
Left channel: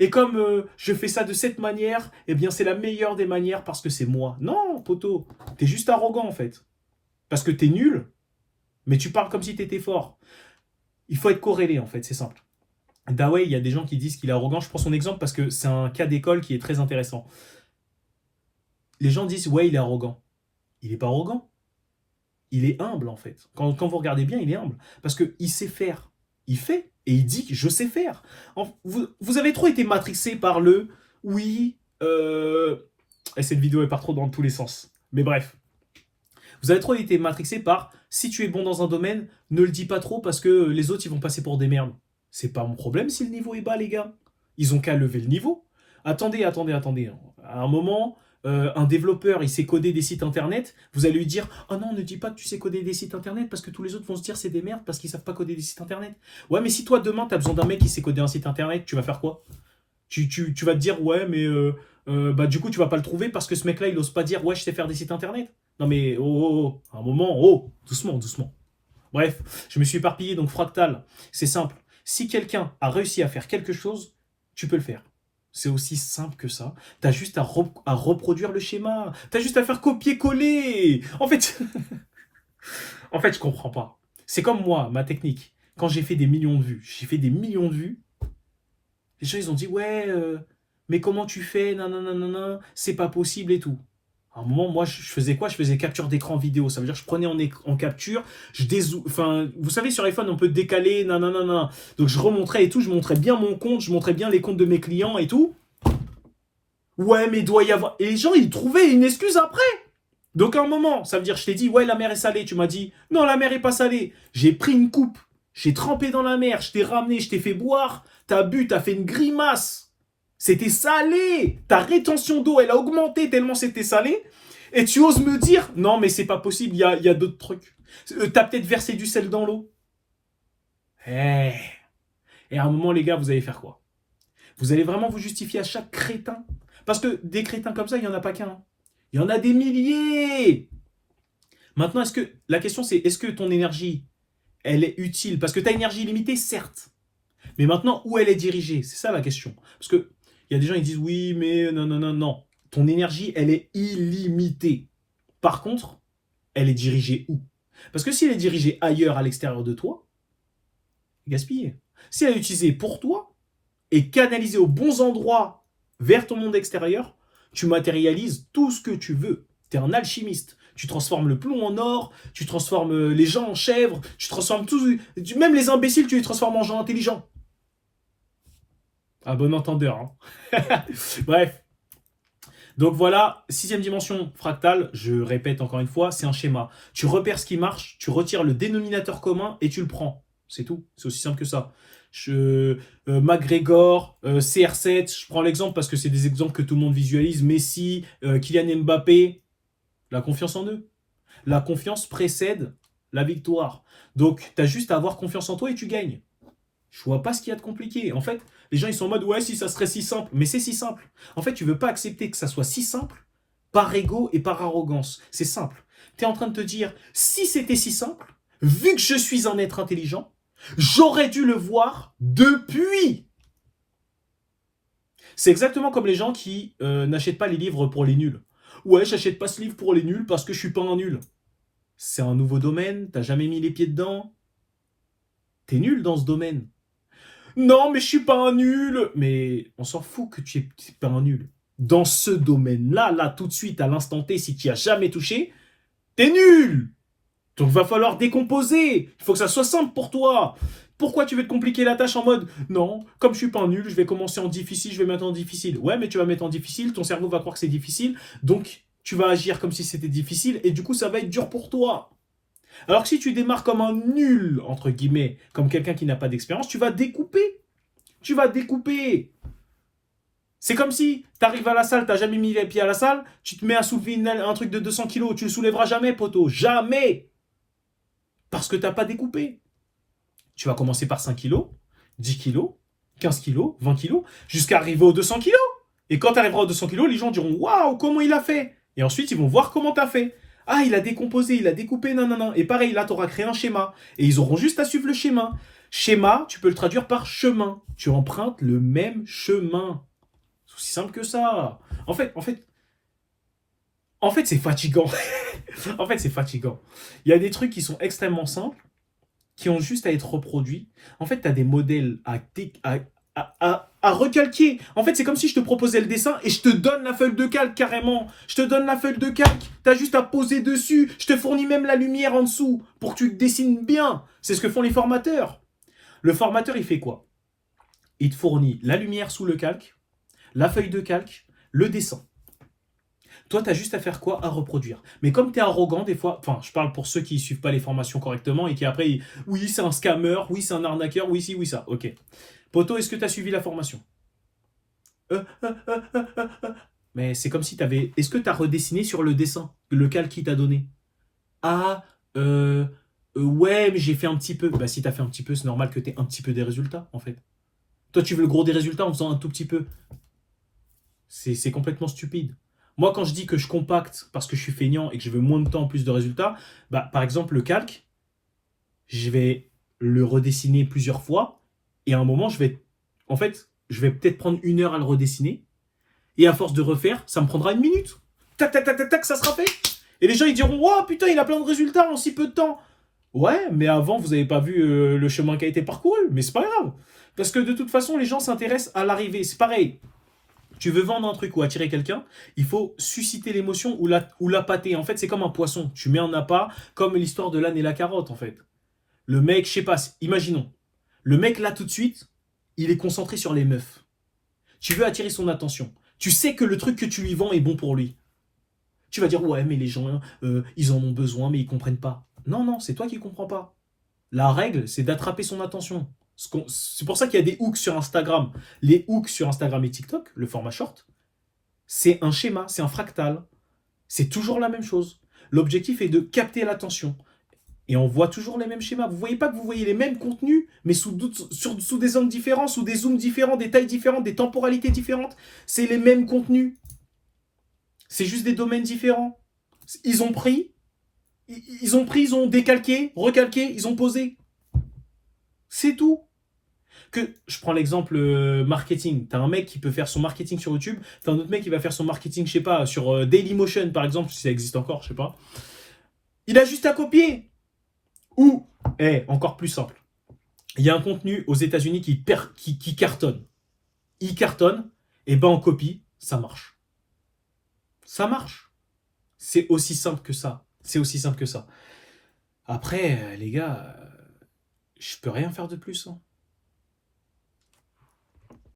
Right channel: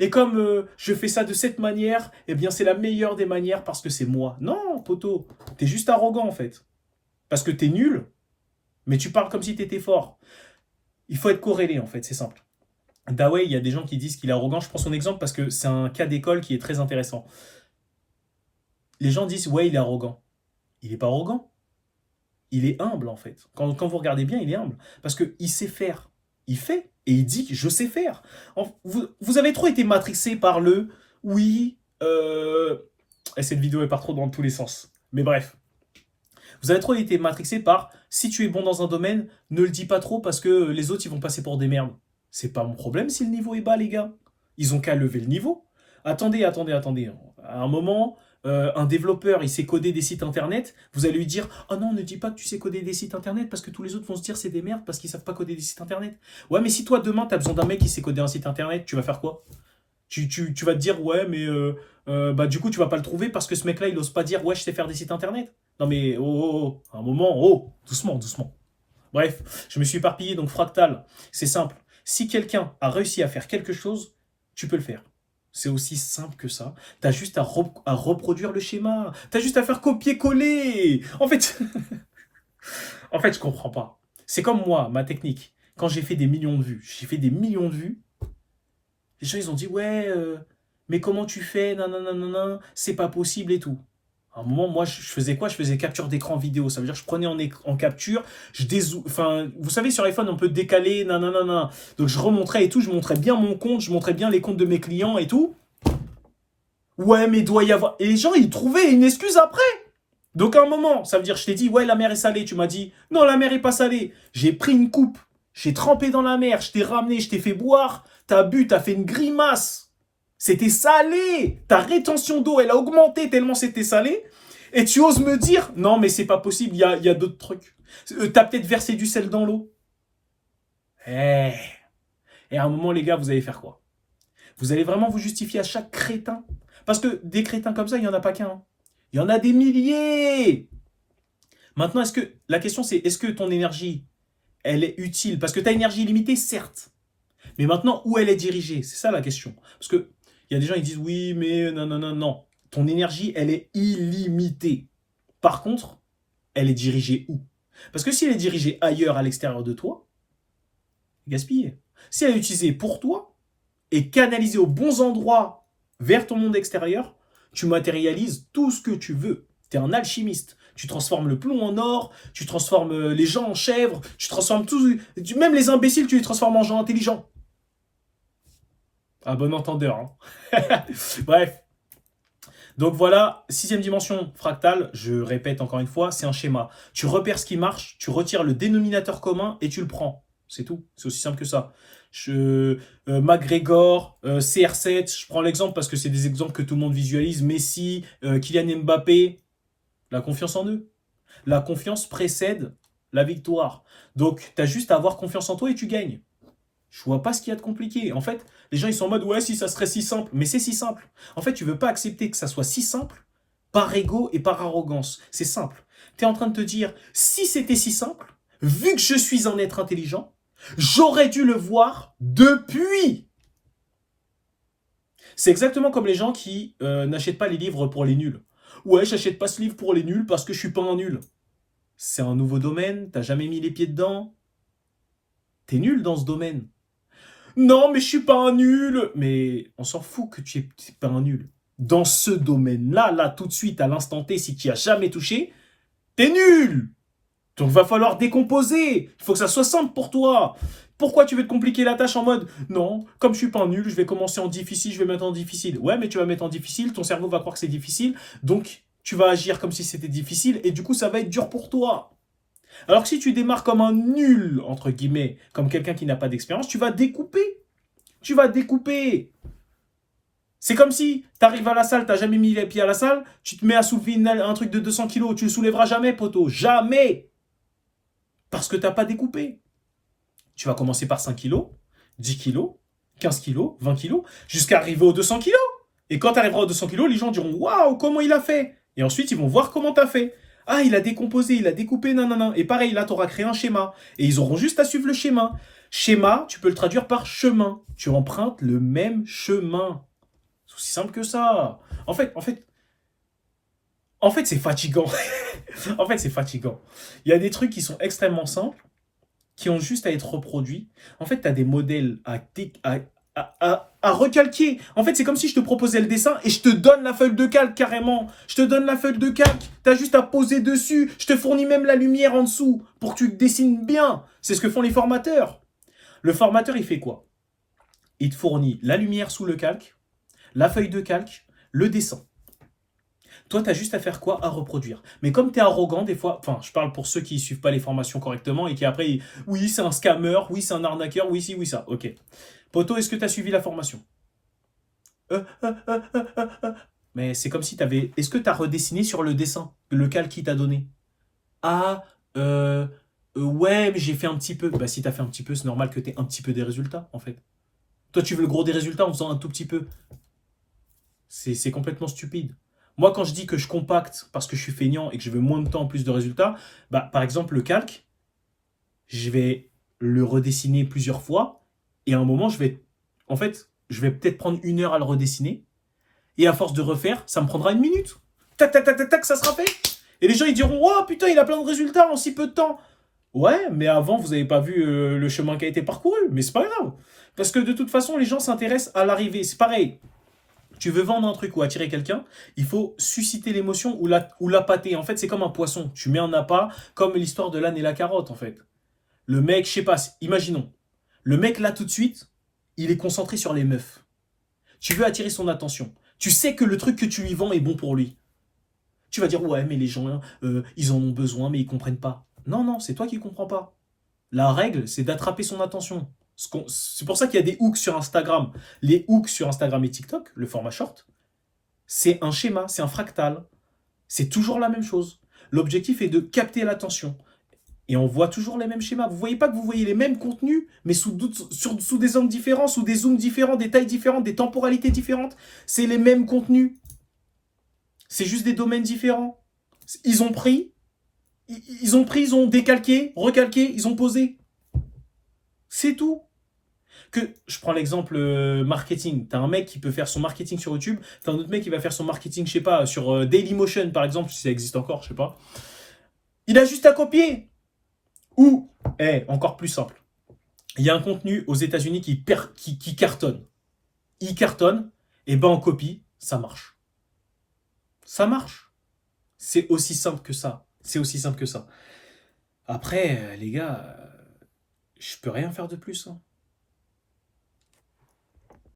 Et comme je fais ça de cette manière, eh bien c'est la meilleure des manières parce que c'est moi. Non, poteau, t'es juste arrogant en fait. Parce que t'es nul, mais tu parles comme si t'étais fort. Il faut être corrélé en fait, c'est simple. Dawei, il y a des gens qui disent qu'il est arrogant. Je prends son exemple parce que c'est un cas d'école qui est très intéressant. Les gens disent ouais, il est arrogant. Il n'est pas arrogant. Il est humble en fait. Quand vous regardez bien, il est humble. Parce qu'il sait faire. Il fait. Et il dit que je sais faire. Vous avez trop été matrixé par le oui. Et cette vidéo elle part trop dans tous les sens. Mais bref. Vous avez trop été matrixé par si tu es bon dans un domaine, ne le dis pas trop parce que les autres ils vont passer pour des merdes. C'est pas mon problème si le niveau est bas, les gars. Ils ont qu'à lever le niveau. Attendez. À un moment, un développeur, il sait coder des sites internet. Vous allez lui dire oh non, ne dis pas que tu sais coder des sites internet parce que tous les autres vont se dire c'est des merdes parce qu'ils savent pas coder des sites internet. Ouais, mais si toi demain tu as besoin d'un mec qui sait coder un site internet, tu vas faire quoi? Tu vas te dire ouais, mais bah du coup tu vas pas le trouver parce que ce mec-là il ose pas dire ouais, je sais faire des sites internet. Non mais à un moment, doucement. Bref, je me suis éparpillé, donc fractal, c'est simple. Si quelqu'un a réussi à faire quelque chose, tu peux le faire. C'est aussi simple que ça. Tu as juste à reproduire le schéma. Tu as juste à faire copier-coller. En fait, je comprends pas. C'est comme moi, ma technique. Quand j'ai fait des millions de vues, les gens ils ont dit ouais, mais comment tu fais, non, non, non, non, non, c'est pas possible et tout. À un moment, moi, je faisais quoi? Je faisais capture d'écran vidéo. Ça veut dire que je prenais en capture, enfin, vous savez, sur iPhone, on peut décaler, non, non, non, non. Donc, je remontrais et tout, je montrais bien mon compte, je montrais bien les comptes de mes clients et tout. Ouais, mais il doit y avoir. Et les gens, ils trouvaient une excuse après. Donc, à un moment, ça veut dire, je t'ai dit, ouais, la mer est salée. Tu m'as dit, non, la mer est pas salée. J'ai pris une coupe, j'ai trempé dans la mer, je t'ai ramené, je t'ai fait boire. T'as bu, t'as fait une grimace. C'était salé. Ta rétention d'eau, elle a augmenté tellement c'était salé. Et tu oses me dire, non, mais c'est pas possible, il y a d'autres trucs. T'as peut-être versé du sel dans l'eau. Eh. Et à un moment, les gars, vous allez faire quoi? Vous allez vraiment vous justifier à chaque crétin? Parce que des crétins comme ça, il n'y en a pas qu'un. Il y en a des milliers. Maintenant, la question c'est, est-ce que ton énergie, elle est utile? Parce que ta énergie illimitée, certes. Mais maintenant, où elle est dirigée? C'est ça la question. Parce que il y a des gens qui disent, oui, mais non, non, non, non. Ton énergie, elle est illimitée. Par contre, elle est dirigée où? Parce que si elle est dirigée ailleurs, à l'extérieur de toi, gaspillée. Si elle est utilisée pour toi et canalisée aux bons endroits vers ton monde extérieur, tu matérialises tout ce que tu veux. Tu es un alchimiste. Tu transformes le plomb en or, tu transformes les gens en chèvres, tu transformes tout. Même les imbéciles, tu les transformes en gens intelligents. À bon entendeur. Hein. Bref. Donc voilà, sixième dimension fractale, je répète encore une fois, c'est un schéma. Tu repères ce qui marche, tu retires le dénominateur commun et tu le prends. C'est tout, c'est aussi simple que ça. McGregor, CR7, je prends l'exemple parce que c'est des exemples que tout le monde visualise. Messi, Kylian Mbappé, la confiance en eux. La confiance précède la victoire. Donc, tu as juste à avoir confiance en toi et tu gagnes. Je vois pas ce qu'il y a de compliqué. En fait, les gens ils sont en mode ouais, si ça serait si simple, mais c'est si simple. En fait, tu veux pas accepter que ça soit si simple par ego et par arrogance. C'est simple. Tu es en train de te dire si c'était si simple, vu que je suis un être intelligent, j'aurais dû le voir depuis. C'est exactement comme les gens qui n'achètent pas les livres pour les nuls. Ouais, j'achète pas ce livre pour les nuls parce que je suis pas un nul. C'est un nouveau domaine, t'as jamais mis les pieds dedans. T'es nul dans ce domaine. Non, mais je suis pas un nul. Mais on s'en fout que tu es pas un nul. Dans ce domaine-là, là, tout de suite, à l'instant T, si tu n'y as jamais touché, t'es nul. Donc, va falloir décomposer. Il faut que ça soit simple pour toi. Pourquoi tu veux te compliquer la tâche en mode non, comme je suis pas un nul, je vais commencer en difficile, je vais mettre en difficile. Ouais, mais tu vas mettre en difficile, ton cerveau va croire que c'est difficile, donc tu vas agir comme si c'était difficile, et du coup, ça va être dur pour toi. Alors que si tu démarres comme un nul, entre guillemets, comme quelqu'un qui n'a pas d'expérience, tu vas découper. Tu vas découper. C'est comme si tu arrives à la salle, tu n'as jamais mis les pieds à la salle, tu te mets à soulever un truc de 200 kilos, tu le soulèveras jamais, poteau. Jamais. Parce que tu n'as pas découpé. Tu vas commencer par 5 kilos, 10 kilos, 15 kilos, 20 kilos, jusqu'à arriver aux 200 kilos. Et quand tu arriveras aux 200 kilos, les gens diront waouh, comment il a fait? Et ensuite, ils vont voir comment tu as fait. Ah, il a décomposé, il a découpé, non, non, non. Et pareil, là, tu auras créé un schéma. Et ils auront juste à suivre le schéma. Schéma, tu peux le traduire par chemin. Tu empruntes le même chemin. C'est aussi simple que ça. En fait, c'est fatigant. En fait, c'est fatigant. Il y a des trucs qui sont extrêmement simples, qui ont juste à être reproduits. En fait, tu as des modèles à recalquer. En fait, c'est comme si je te proposais le dessin et je te donne la feuille de calque carrément. Je te donne la feuille de calque. Tu as juste à poser dessus. Je te fournis même la lumière en dessous pour que tu dessines bien. C'est ce que font les formateurs. Le formateur, il fait quoi? Il te fournit la lumière sous le calque, la feuille de calque, le dessin. Toi, tu as juste à faire quoi? À reproduire. Mais comme tu es arrogant, des fois, enfin, je parle pour ceux qui ne suivent pas les formations correctement et qui après, oui, c'est un scammer, oui, c'est un arnaqueur, oui, si, oui, ça. Ok. Poto, est-ce que tu as suivi la formation? Mais c'est comme si tu avais. Est-ce que tu as redessiné sur le dessin, le calque qu'il t'a donné? Ah, ouais, mais j'ai fait un petit peu. Bah, si tu as fait un petit peu, c'est normal que tu aies un petit peu des résultats, en fait. Toi, tu veux le gros des résultats en faisant un tout petit peu. C'est complètement stupide. Moi, quand je dis que je compacte parce que je suis feignant et que je veux moins de temps, plus de résultats, bah, par exemple, le calque, je vais le redessiner plusieurs fois Et à un moment, en fait, je vais peut-être prendre 1 heure à le redessiner. Et à force de refaire, ça me prendra 1 minute. Tac, tac, tac, tac, tac, ça sera fait. Et les gens, ils diront, oh putain, il a plein de résultats en si peu de temps. Ouais, mais avant, vous n'avez pas vu le chemin qui a été parcouru. Mais c'est pas grave. Parce que de toute façon, les gens s'intéressent à l'arrivée. C'est pareil. Tu veux vendre un truc ou attirer quelqu'un, il faut susciter l'émotion ou l'appâter. En fait, c'est comme un poisson. Tu mets un appât, comme l'histoire de l'âne et la carotte, en fait. Le mec, je sais pas, imaginons. Le mec, là, tout de suite, il est concentré sur les meufs. Tu veux attirer son attention. Tu sais que le truc que tu lui vends est bon pour lui. Tu vas dire, ouais, mais les gens, ils en ont besoin, mais ils comprennent pas. Non, non, c'est toi qui comprends pas. La règle, c'est d'attraper son attention. C'est pour ça qu'il y a des hooks sur Instagram. Les hooks sur Instagram et TikTok, le format short, c'est un schéma, c'est un fractal. C'est toujours la même chose. L'objectif est de capter l'attention. Et on voit toujours les mêmes schémas. Vous voyez pas que vous voyez les mêmes contenus, mais sous des angles différents, sous des zooms différents, des tailles différentes, des temporalités différentes. C'est les mêmes contenus. C'est juste des domaines différents. Ils ont pris, ils ont décalqué, recalqué, ils ont posé. C'est tout. Je prends l'exemple marketing. T'as un mec qui peut faire son marketing sur YouTube, t'as un autre mec qui va faire son marketing, je sais pas, sur Dailymotion par exemple, si ça existe encore, je sais pas. Il a juste à copier. Ou, encore plus simple. Il y a un contenu aux États-Unis qui cartonne. Il cartonne, et ben on copie, ça marche. Ça marche. C'est aussi simple que ça. C'est aussi simple que ça. Après, les gars, je peux rien faire de plus. Hein.